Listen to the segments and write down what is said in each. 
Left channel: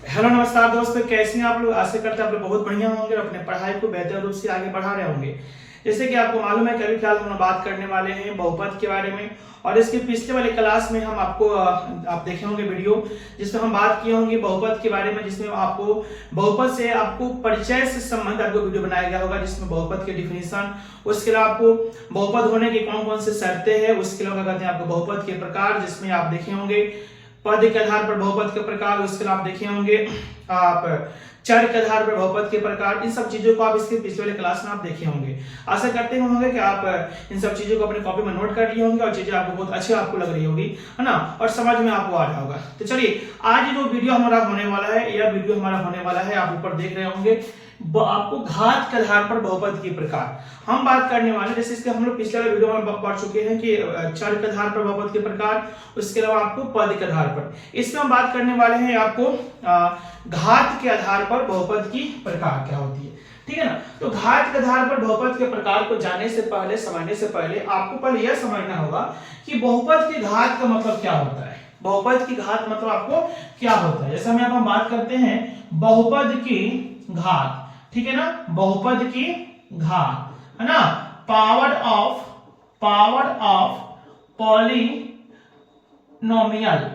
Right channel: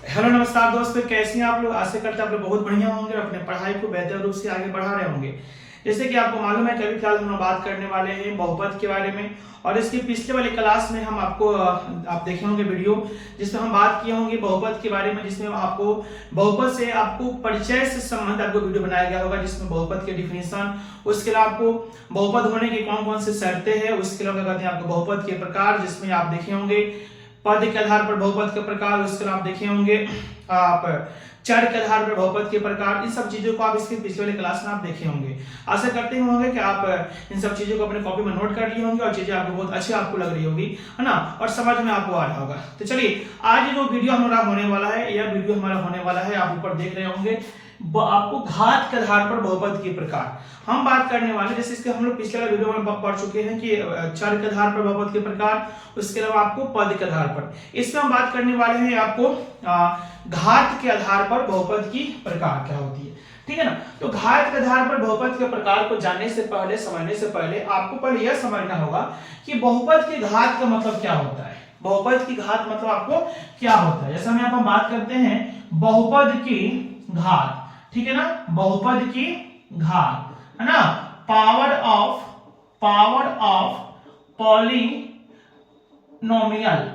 Hello नमस्कार दोस्तों, कैसे हैं आप लोग। आशा करते हैं आप लोग बहुत बढ़िया होंगे और अपने पढ़ाई को बेहतर रूप से आगे बढ़ा रहे होंगे। जैसे कि आपको मालूम है कि अभी फिलहाल हम बात करने वाले हैं बहुपद के बारे में। और इसके पिछले वाले क्लास में हम आप देखे होंगे वीडियो जिसमें हम बात किए होंगे बहुपद के बारे में, जिसमें आपको बहुपद से आपको परिचय से संबंधित आपको वीडियो बनाया गया होगा, जिसमें बहुपद के डिफिनेशन, उसके अलावा आपको बहुपद होने की कौन कौन सी शर्तें हैं, उसके अलावा कहते हैं आपको बहुपद के प्रकार, जिसमें आप देखे होंगे पद के आधार पर बहुपद के प्रकार, उसके आप देखे होंगे आप चर के आधार पर बहुपद के प्रकार। इन सब चीजों को आप इसके पिछले वाले क्लास में आप देखे होंगे। आशा करते होंगे कि आप इन सब चीजों को अपने कॉपी में नोट कर लिए होंगे और चीजें आपको बहुत अच्छी आपको लग रही होगी, है ना, और समझ में आपको आ रहा होगा। तो चलिए, आज जो वीडियो हमारा होने वाला है, यह वीडियो हमारा होने वाला है, आप ऊपर देख रहे होंगे, आपको घात के आधार पर बहुपद के प्रकार हम बात करने वाले। जैसे इसके हम लोग पिछले वाले वीडियो में पढ़ चुके हैं कि चर के आधार पर बहुपद के प्रकार, उसके अलावा आपको पद के आधार पर। इसमें हम बात करने वाले हैं आपको घात के आधार पर बहुपद की प्रकार क्या होती है, ठीक है ना। तो घात के आधार पर बहुपद के प्रकार को जानने से पहले, समझने से पहले आपको पहले यह समझना होगा कि बहुपद के घात का मतलब क्या होता है। बहुपद की घात मतलब आपको क्या होता है। जैसे हम यहाँ पर बात करते हैं बहुपद की घात, ठीक है ना, बहुपद की घात, है ना, पावर ऑफ पॉलिनोमियल।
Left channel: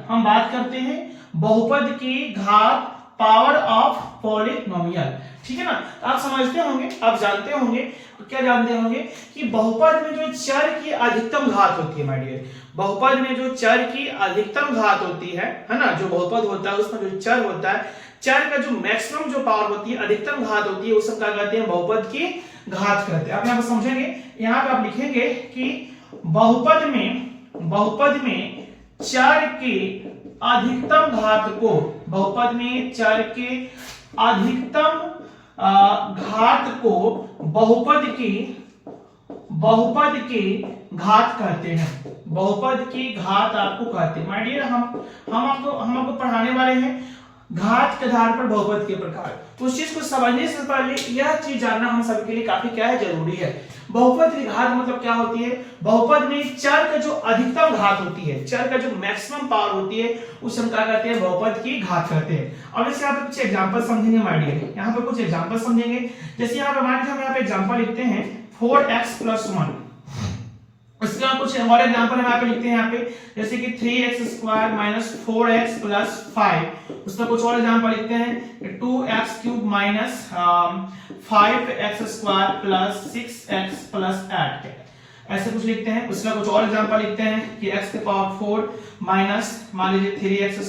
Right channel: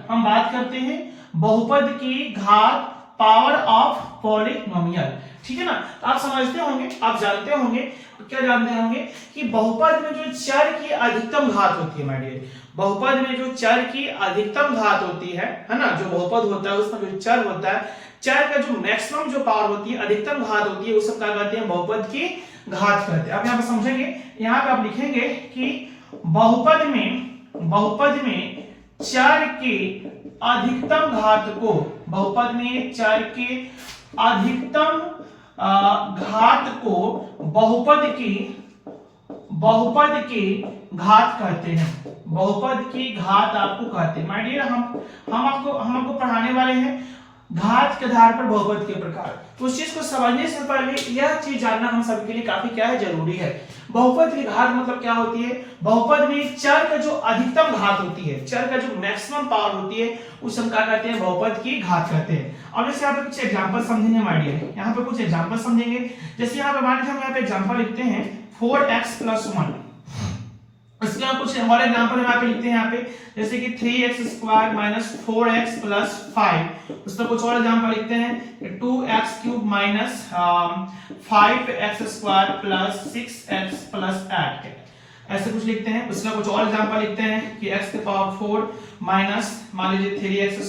हम बात करते हैं बहुपद की घात पावर ऑफ पॉलिनोमियल, ठीक है ना। तो आप समझते होंगे, आप जानते होंगे, क्या जानते होंगे कि बहुपद में जो चर की अधिकतम घात होती है, माय डियर, बहुपद में जो चर की अधिकतम घात होती है ना, जो बहुपद होता है उसमें जो चर होता है, चर का जो मैक्सिमम जो पावर होती है, अधिकतम घात होती है, वो सब क्या कहते हैं, बहुपद की घात कहते हैं। आप यहाँ पर समझेंगे, यहाँ पे आप लिखेंगे कि बहुपद में चर के अधिकतम घात को, बहुपद में चर के अधिकतम घात को बहुपद की घात कहते हैं। बहुपद की घात आपको कहते हैं। माय डियर, हम आपको पढ़ाने वाले हैं घात के आधार पर बहुपद के प्रकार। उस चीज को समझने से पहले यह चीज जानना हम सभी के लिए काफी क्या है, जरूरी है। बहुपद की घात मतलब क्या होती है। बहुपद में चर का जो अधिकतम घात होती है, चर का जो मैक्सिमम पावर होती है, उसे हम क्या कहते हैं, बहुपद की घात कहते हैं। अब इसे यहाँ पे कुछ एग्जांपल समझेंगे माय डियर, यहाँ पे कुछ एग्जांपल समझेंगे। जैसे यहाँ पे मान लीजिए हम यहाँ पे एग्जांपल लिखते हैं 4x + 1। इसका कुछ और एग्जांपल हम यहाँ पे लिखते हैं, यहाँ पे जैसे कि 3x² - 4x + 5। उसका कुछ और एग्जांपल लिखते हैं 2x³ - 5x² + 6x + 8। ऐसे कुछ लिखते हैं। उसका कुछ और एग्जांपल लिखते हैं कि x⁴ माइनस मान लीजिए 3x²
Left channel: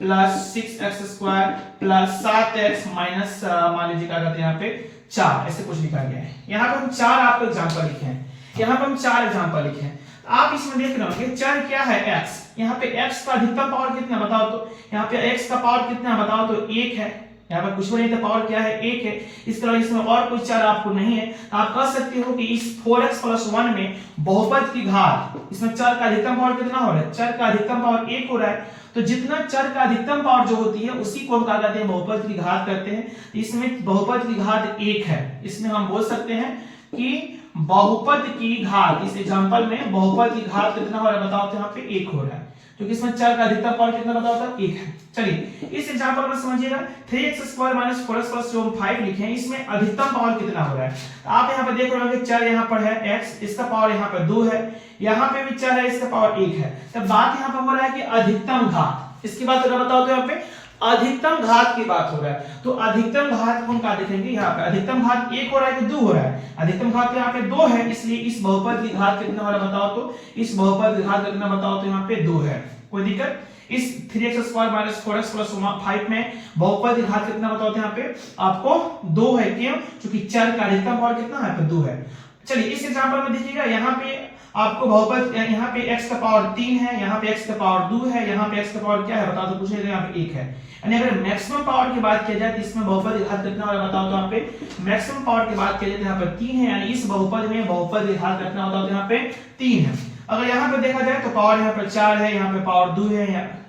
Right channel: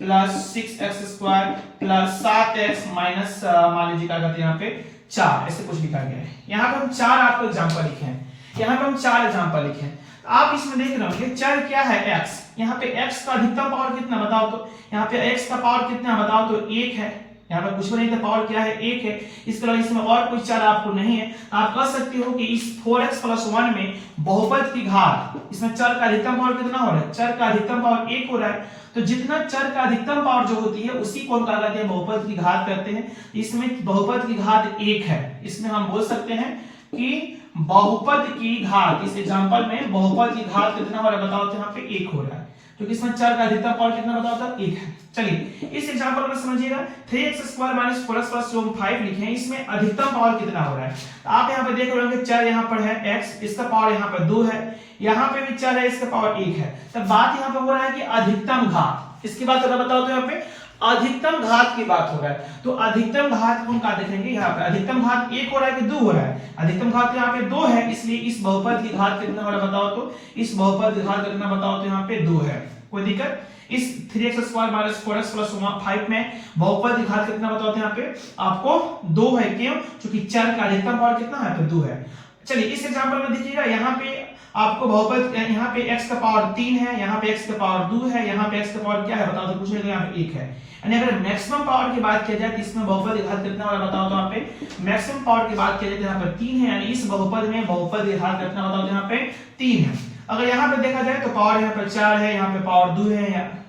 + 6x² + 7x माइनस मान लीजिए क्या कहते हैं यहाँ पे 4। ऐसे कुछ लिखा गया है। यहाँ पे हम 4 आपको एग्जांपल लिखे हैं, यहाँ पे हम 4 एग्जांपल लिखे हैं। आप इसमें देख रहे होंगे चर क्या है, x। यहाँ पे x का अधिकतम पावर कितना बताओ तो, यहाँ पे x का पावर कितना बताओ तो 1 है। यहाँ पर कुछ भी नहीं था, पावर क्या है, 1 है। इसके अलावा इसमें और कोई चर आपको नहीं है। आप कह सकते हो कि इस 4x + 1 में बहुपद की घात, इसमें चर का अधिकतम पावर कितना हो रहा है, चर का अधिकतम पावर 1 हो रहा है। तो जितना चर का अधिकतम पावर जो होती है उसी को हम क्या कहते हैं, बहुपद की घात कहते हैं। इसमें बहुपद की घात 1 है। इसमें हम बोल सकते हैं कि बहुपद की घात, इस एग्जांपल में बहुपद की घात कितना हो रहा है बताओ तो यहाँ पे 1 हो रहा है, क्योंकि इसमें चर का अधिकतम पावर कितना बताओ तो 1 है। चलिए इस एग्जांपल में समझिएगा 3x² - 4x + जो हम 5 लिखे हैं, इसमें अधिकतम पावर कितना हो रहा है। आप यहाँ पे देख रहे होंगे चर यहाँ पर है x, इसका पावर यहाँ पे 2 है, यहाँ पे भी चर है, इसका पावर 1 है। तब बात यहाँ पे हो रहा है कि अधिकतम घात, इसकी बात अगर बताओ तो यहाँ पे अधिकतम घात की बात हो रहा है। तो अधिकतम घात हम क्या देखेंगे, यहाँ पे अधिकतम घात 1 हो रहा है कि 2 हो रहा है। अधिकतम घात यहाँ पे 2 है, इसलिए इस बहुपद की घात कितना हो रहा है बताओ तो, इस बहुपद की घात कितना बताओ तो यहाँ पे 2 है। कोई दिक्कत। इस 3x² - 4x + 5 में बहुपद की घात कितना बताओ तो यहाँ पे आपको 2 है। क्यों? क्योंकि चर का अधिकतम पावर कितना है, तो 2 है। चलिए इस एग्जांपल में देखिएगा, यहाँ पे आपको बहुपद, यहाँ पे x का पावर 3 है, यहाँ पे x का पावर 2 है, यहाँ पे x का पावर क्या है बताओ तो, पूछे तो यहाँ पे 1 है। यानी अगर मैक्सिमम पावर की बात की जाए तो इसमें बहुपद की घात कितना होगा बताओ तो यहाँ पे मैक्सिमम पावर की बात की जाए तो यहाँ पे 3 है। यानी इस बहुपद में बहुपद की घात कितना बताओ तो यहाँ पे 3 है। अगर यहाँ पे देखा जाए तो पावर यहाँ पे 4 है, यहाँ पे पावर 2 है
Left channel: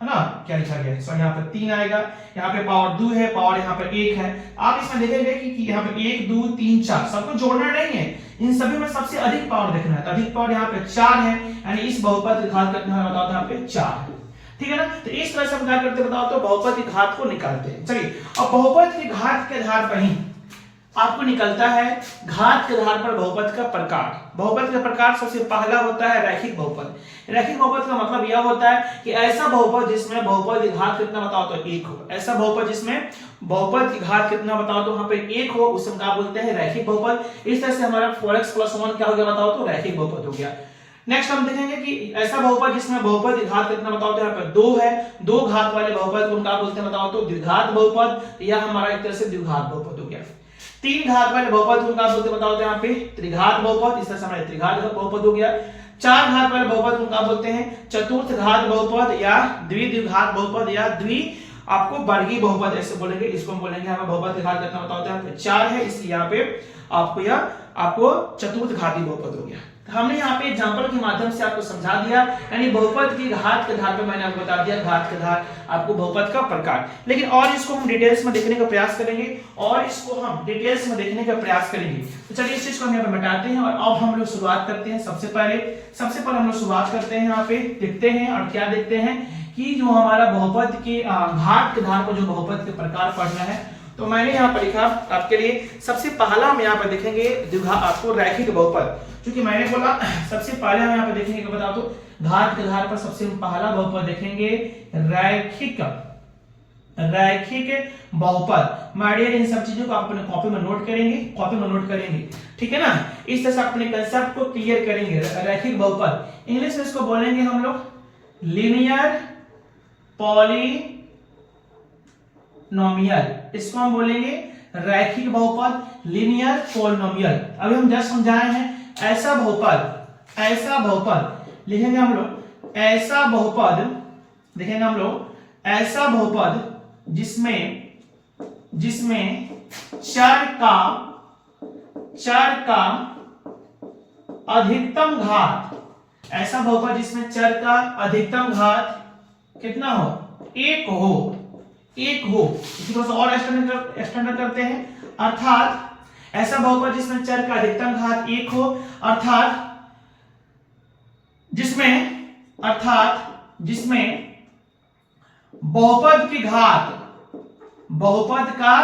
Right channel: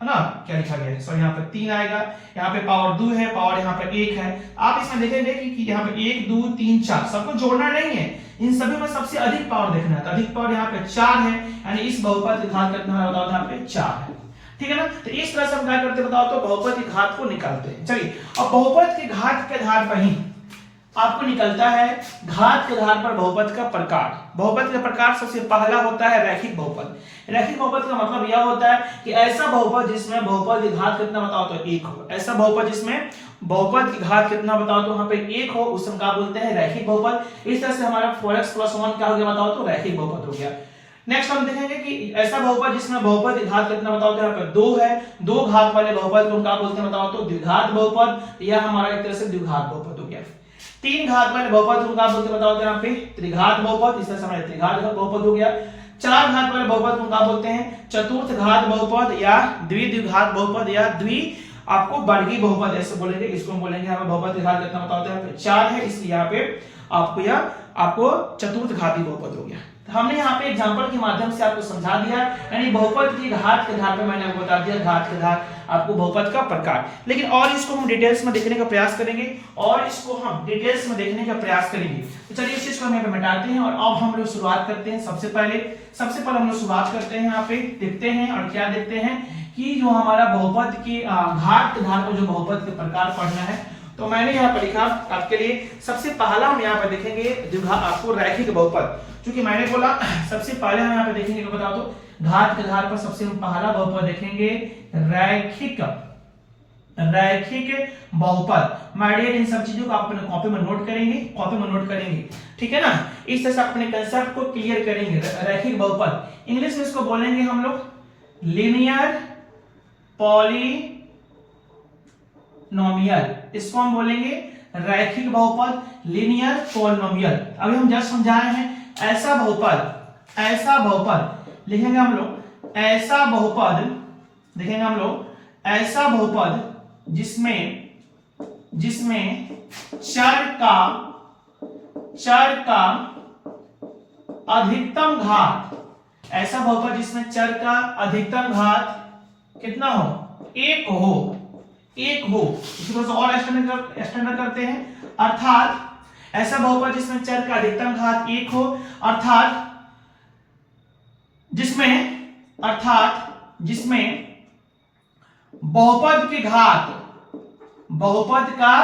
ना, क्या लिखा गया है, सो यहाँ पे 3 आएगा, यहाँ पे पावर 2 है, पावर यहाँ पे 1 है। आप इसमें देखेंगे कि यहाँ पे 1 2 3 4 सबको जोड़ना नहीं है, इन सभी में सबसे अधिक पावर देखना है। तो अधिक पावर यहाँ पे 4 है, यानी इस बहुपद की घात कितना है बताओ यहाँ पे 4 है। ठीक है ना। तो इस तरह से हम क्या करते बताओ तो बहुपद की घात को निकालते हैं। चलिए अब बहुपद की घात के आधार पर ही आपको निकलता है घात के आधार पर बहुपद का प्रकार। बहुपद का प्रकार सबसे पहला होता है रैखिक बहुपद। रैखिक बहुपद का मतलब यह होता है कि ऐसा बहुपद जिसमें बहुपद की घात कितना बताओ तो एक हो। ऐसा बहुपद जिसमें बहुपद की घात कितना बताओ तो वहां पे एक हो, उसे हम क्या बोलते हैं रैखिक बहुपद। इस तरह से हमारा 4x + 1 क्या हो गया बताओ तो रैखिक बहुपद हो गया। नेक्स्ट हम देखेंगे कि ऐसा बहुपद जिसमें बहुपद की घात कितना बताओ तो यहाँ पर 2 है, 2 घात वाले बहुपद को हम क्या बोलते हैं बताओ तो द्विघात बहुपद। यह हमारा एक तरह से द्विघात बहुपद हो गया। 3 घात वाले बहुपद को क्या बोलते हैं बताओ तो यहाँ पे त्रिघात बहुपद। इस तरह से हमारा त्रिघात बहुपद हो गया। 4 घात वाले बहुपद को क्या बोलते हैं चतुर्थ घात बहुपद या द्विघात बहुपद या आपको वर्गीय बहुपद ऐसे बोलेंगे। इसको हम बोलेंगे यहाँ पे बहुपद की घात कितना बताओ तो यहाँ पे 4 है, इसलिए यहाँ पे आपको चतुर्थ घाती बहुपद हो गया। हमने यहाँ पे एग्जांपल के माध्यम से आपको समझा दिया, यानी बहुपद की घात के आधार पे मैंने आपको बता दिया घात के आधार आपको बहुपद का प्रकार। लेकिन और इसको हम डिटेल्स में देखने का प्रयास करेंगे तो चलिए इस चीज को हम यहाँ पे मिटाते हैं और अब हम लोग शुरुआत करते हैं। सबसे पहले हम लोग शुरुआत करते हैं, यहाँ पे देखते हैं और क्या देखते हैं कि जो हमारा बहुपद के घात के आधार पर जो बहुपद के प्रकार पढ़ना है। तो मैंने यहाँ पर लिखा आपके लिए सबसे पहला हम यहाँ पर देखेंगे आपको रैखिक बहुपद। क्योंकि मैंने बोला सबसे पहले हम यहाँ पे देखेंगे तो बताओ तो घात के आधार पर सबसे पहला बहुपद देखेंगे रैखिक बहुपद। माय डियर इन सब चीजों को आप अपने कॉपी में नोट करेंगे, ठीक है ना। इस तरह से अपने कंसेप्ट को क्लियर करेंगे। रैखिक बहुपद इंग्लिश में इसको बोलेंगे हम लोग लीनियर पॉलिनोमियल, इसको हम बोलेंगे रैखिक बहुपद लीनियर पॉलिनोमियल। अभी हम जस्ट समझाए हैं ऐसा बहुपद लिखेंगे हम लोग ऐसा बहुपद जिसमें चर का अधिकतम घात, ऐसा बहुपद जिसमें चर का अधिकतम घात कितना हो एक हो। इसी तरह से और एक्सटेंड करते हैं, अर्थात ऐसा बहुपद जिसमें चर का अधिकतम घात एक हो, अर्थात जिसमें बहुपद का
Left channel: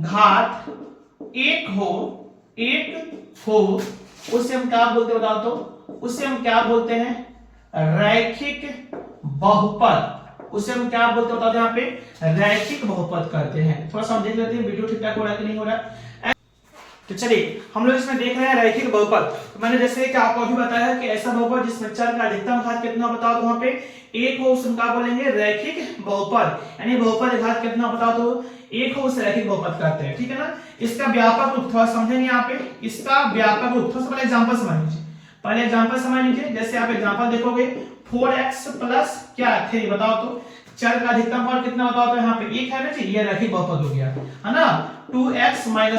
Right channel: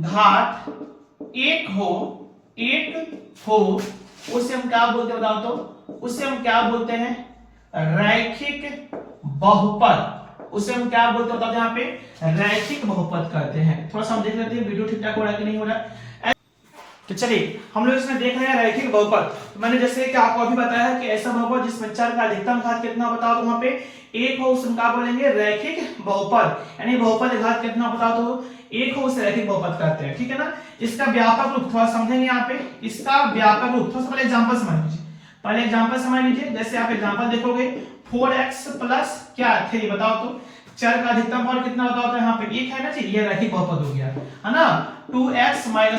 घात एक हो उसे हम क्या बोलते हैं बताओ तो उसे हम क्या बोलते हैं रैखिक बहुपद। उसे हम क्या बोलते हैं बताओ यहाँ पे रैखिक बहुपद कहते हैं। थोड़ा समझ लेते हैं वीडियो ठीक ठाक हो रहा है कि नहीं हो रहा है। तो चलिए हम लोग इसमें देख रहे हैं रैखिक बहुपद। तो मैंने जैसे कि आपको अभी बताया कि ऐसा बहुपद जिसमें चर का अधिकतम घात कितना बताओ तो वहां पे एक हो, उसे हम क्या बोलेंगे रैखिक बहुपद। यानी बहुपद घात कितना बताओ तो एक हो, उसे रैखिक बहुपद कहते हैं, ठीक है ना। इसका व्यापक रूप थोड़ा समझेंगे यहाँ पे। इसका व्यापक रूप सबसे पहले एग्जांपल समझ लीजिए। जैसे आप एग्जांपल देखोगे 4x प्लस क्या 3 बताओ तो चर का अधिकतम मान कितना बताओ तो यहाँ पे एक है ना जी, ये रैखिक बहुपद हो गया है ना। 2x - 1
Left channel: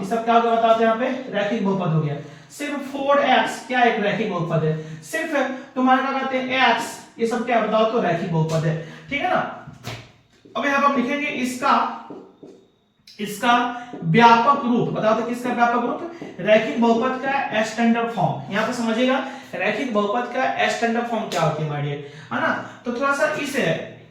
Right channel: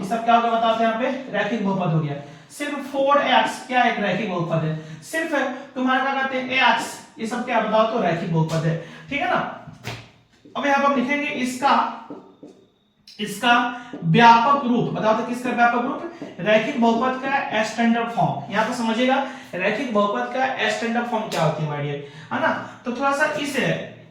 ये सब क्या हो गया बताओ तो यहाँ पे रैखिक बहुपद हो गया। सिर्फ 4x क्या एक रैखिक बहुपद है। सिर्फ तुम्हारा क्या कहते हैं x ये सब क्या बताओ तो रैखिक बहुपद है, ठीक है ना। अब यहाँ पर हम लिखेंगे इसका व्यापक रूप बताओ तो किसका व्यापक रूप रैखिक बहुपद का स्टैंडर्ड फॉर्म। यहाँ पे समझिएगा रैखिक बहुपद का स्टैंडर्ड फॉर्म क्या होती है माय डियर, है ना। तो थोड़ा सा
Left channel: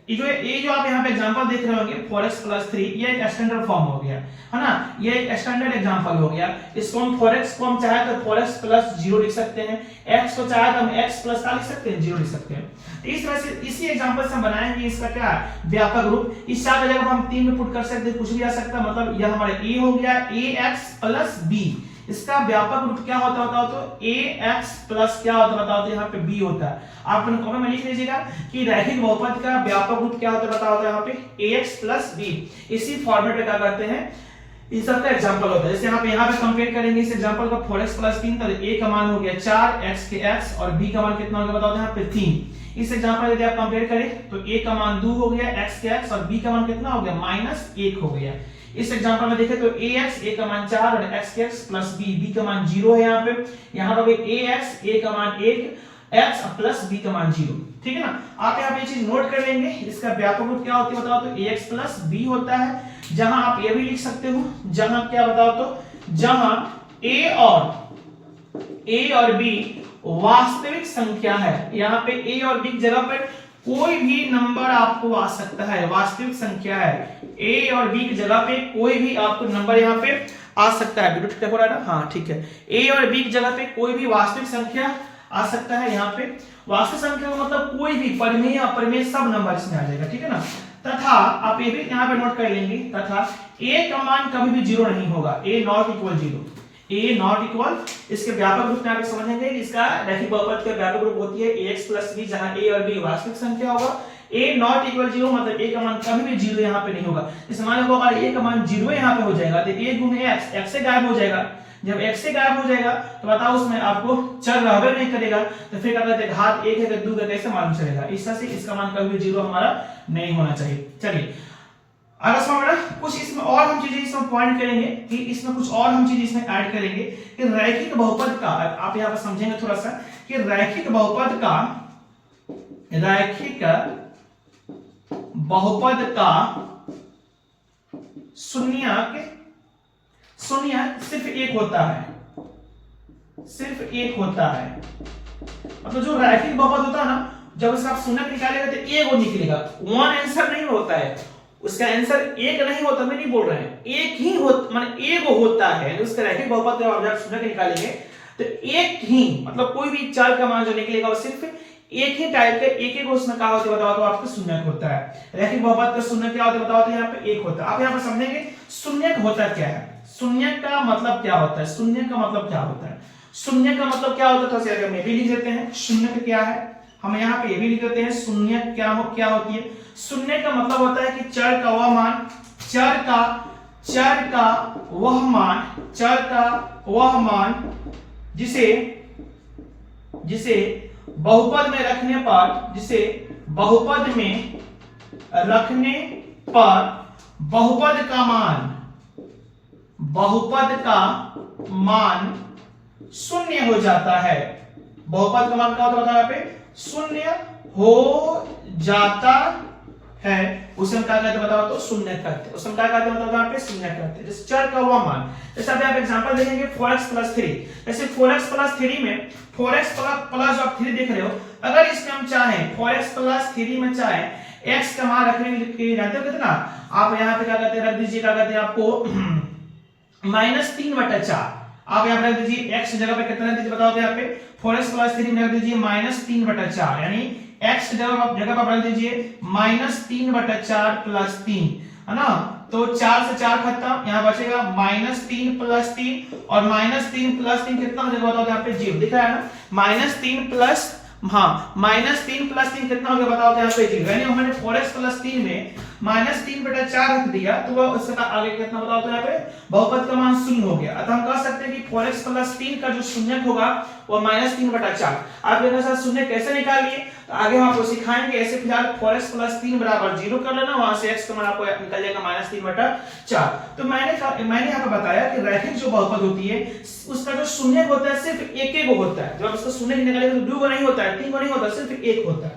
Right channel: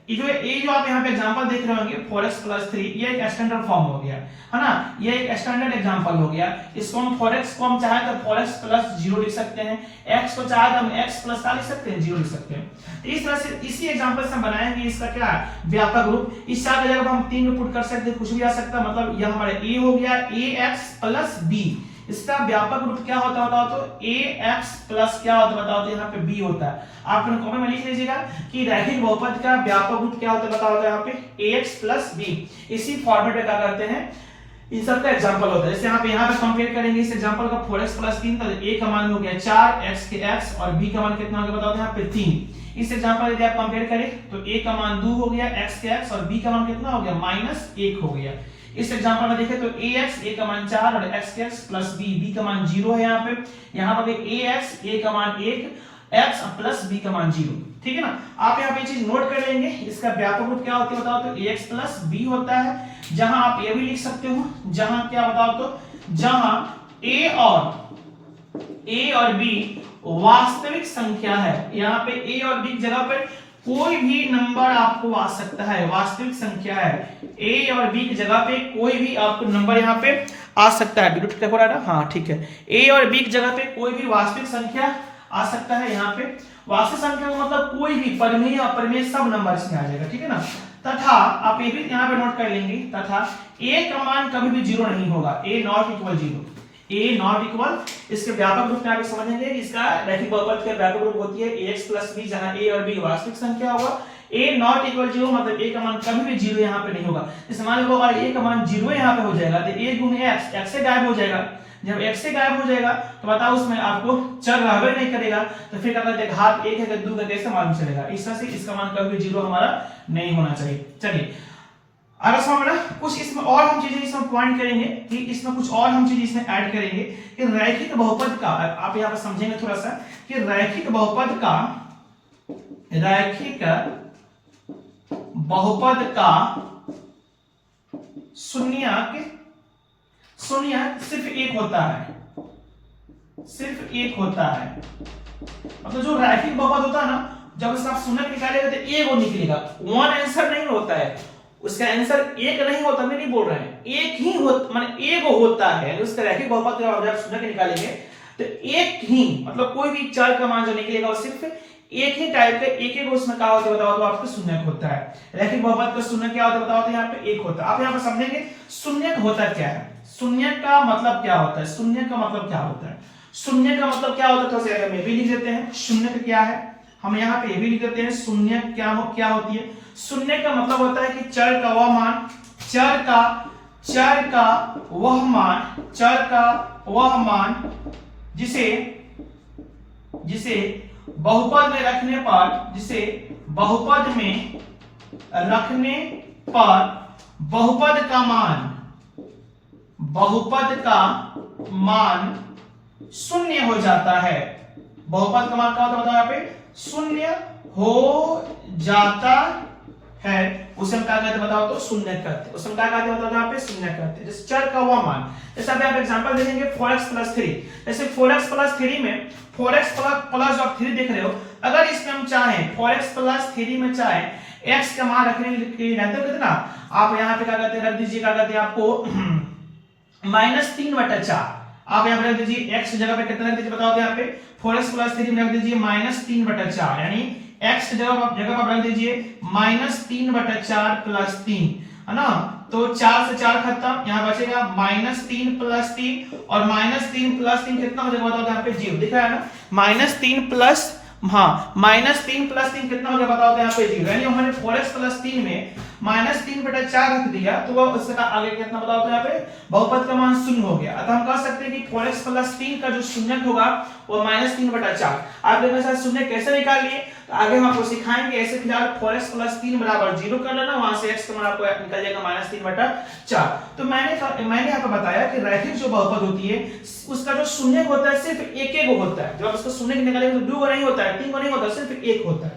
ये जो आप यहाँ पे एग्जांपल देख रहे होंगे 4x + 3 ये एक स्टैंडर्ड फॉर्म हो गया, है ना। ये एक स्टैंडर्ड एग्जांपल हो गया। इसको हम 4x को हम चाहे तो 4x + 0 लिख सकते हैं, x को चाहे तो हम x + क्या लिख सकते हैं 0 लिख सकते हैं। तो इस तरह से इसी एग्जांपल से हम बनाएंगे इसका क्या व्यापक रूप। इस 4 की जगह हम 3 में पुट कर सकते हैं, कुछ भी आ सकता है। मतलब यह हमारा a हो गया ax + b। इसका व्यापक रूप क्या होता है बताओ तो ax प्लस क्या होता है बताओ तो यहाँ पे b होता है। आप अपने कॉपी में लिख लीजिएगा कि रैखिक बहुपद का व्यापक रूप क्या होता है बताओ तो यहाँ पे ax + b। इसी फॉर्मेट में क्या करते हैं इन सब का एग्जांपल होता है। जैसे यहाँ पे कंपेयर करेंगे इस एग्जांपल का 4x + 3 तो a का मान हो गया 4, x के x और b का मान कितना हो गया बताओ तो यहाँ पे 3। इस एग्जांपल यदि आप कंपेयर करें तो a का मान 2 हो गया, x के x और b का मान कितना हो गया -1 हो गया। इस एग्जांपल में देखें तो ax a का मान 4 और x के x + b का मान 0 है। यहाँ पर ax a का मान 1 x + b का मान 0, ठीक है ना। आप यहाँ पे ये चीज नोट कर लेंगे। इसका व्यापक रूप क्या होती है बताओ तो ax + b होता है। जहां आप ये भी लिख सकते हो जहां क्या बताओ तो जहां a और b वास्तविक संख्या है। यहाँ पे a और b की जगह पर कोई भी नंबर आपको आ सकता है, वास्तविक संख्या है, ए और बी की जगह पे कोई भी आपको नंबर यहाँ पे आ सकता है। वीडियो हो रहा है? हाँ ठीक है, ए और बी की जगह पे कोई भी वास्तविक संख्या आ सकता है। यहाँ पे वास्तविक संख्या का मतलब कोई भी परिमेय अपरिमेय सब नंबर इसमें आ जाएगा, ठीक है ना। तथा आप ये भी यहाँ पे नोट कर लेंगे, तथा ए का मान कभी भी जीरो नहीं होगा, A not equal zero, A not equal. इसके व्यापक रूप में आप समझेंगे, इसका रैखिक बहुपद के व्यापक रूप होती है ax प्लस b, जहां a और b वास्तविक संख्या होगा। a नॉट इक्वल जीरो मतलब a का मान कभी भी जीरो यहाँ पे नहीं होगा। इस मान को अगर a का मान जीरो यहाँ पे हो जाएगा तो a गुणे x, x से गायब हो जाएगा। जब x से गायब हो जाएगा तो बताओ उसमें आपको चर रहबे नहीं करेगा, तो फिर क्या कहते हैं घात एक है कि दो का कैसे मालूम चलेगा। इस तरह से इसका मान कभी भी जीरो हमारा नहीं होना चाहिए। चलिए अगर समझना कुछ इसमें और हम चीजें इसमें पॉइंट करेंगे कि इसमें कुछ और हम चीज इसमें ऐड करेंगे कि रैखिक बहुपद का, आप यहाँ पर समझेंगे थोड़ा सा कि रैखिक बहुपद का शून्यक सिर्फ एक होता है, सिर्फ एक होता है। मतलब जो रैखिक बहुपद होता है ना, जब इसका आप शून्यक निकालेगा तो एक वो निकलेगा, वन आंसर नहीं होता है, उसका आंसर एक नहीं होता, मैं नहीं बोल रहे हैं, एक ही होता, माने एक होता है। उसका रैखिक बहुपद जब आप शून्यक निकालेंगे तो एक ही, मतलब कोई भी चर का मान जो निकलेगा वो सिर्फ एक ही टाइप का, एक एक उसमें क्या होता है बताओ, तो आपका शून्यक होता है। रैखिक बहुपद का शून्यक क्या होता है बताओ, तो यहाँ पे एक होता है। आप यहाँ पे समझेंगे शून्यक होता क्या है, शून्यक का मतलब क्या होता है, शून्यक का मतलब क्या होता है, शून्यक का मतलब क्या होता है। तो मैं भी लिख देते हैं शून्यक क्या है, हम यहाँ पे ये भी लिख देते हैं शून्यक क्या होती है। शून्य का मतलब होता है कि चर का वह मान, चर का वह मान जिसे बहुपद में रखने पर बहुपद का मान शून्य हो जाता है। बहुपद का मान क्या होता है यहाँ पे, शून्य हो जाता है, उसे हम क्या कहते हैं बताओ, तो शून्य कहते हैं। उसे हम क्या कहते हैं बताओ, यहाँ पे शून्य कहते हैं। जैसे चर का वह मान, जैसे अभी आप एग्जांपल देखेंगे 4x + 3, जैसे 4x + 3 में 4x प्लस आप 3 देख रहे हो, अगर इसमें हम चाहें 4x + 3 में चाहें x का मान रखने के लिए जानते हो कितना, आप यहाँ पे क्या कहते हैं रख दीजिए, क्या कहते हैं आपको -3/4। आप यहाँ पे रख दीजिए x की जगह पे कितना रख दीजिए बताओ, तो यहाँ पे 4x + 3 में रख दीजिए -3/4, यानी x की जगह आप रख दीजिए -3/4 + 3, है ना। तो 4 से 4 खत्म, यहाँ बचेगा -3 + 3, और -3 + 3 कितना हो जाएगा बताओ, यहाँ पे 0 दिख रहा है ना, -3 प्लस -3 + 3 कितना हो गया बताओ, यहाँ पे 0, यानी हमने 4x + 3 में -3/4 रख दिया, तो वो उसका आगे कितना बताओ, तो यहाँ पे बहुपद का मान शून्य हो गया। अतः हम कह सकते हैं कि 4x + 3 का जो शून्यक होगा वो -3/4। आप देखना सर शून्य कैसे निकालिए, तो आगे हम आपको सिखाएंगे। ऐसे फिलहाल 4x + 3 = 0 कर लेना, वहां से x का मान आपको निकल जाएगा -3/4। तो मैंने यहाँ पे बताया कि रैखिक जो बहुपद होती है उसका जो शून्यक होता है सिर्फ एक होता है। जब उसका शून्यक निकालेंगे तो 2 को नहीं होता है, 3 को नहीं होता, सिर्फ एक होता है,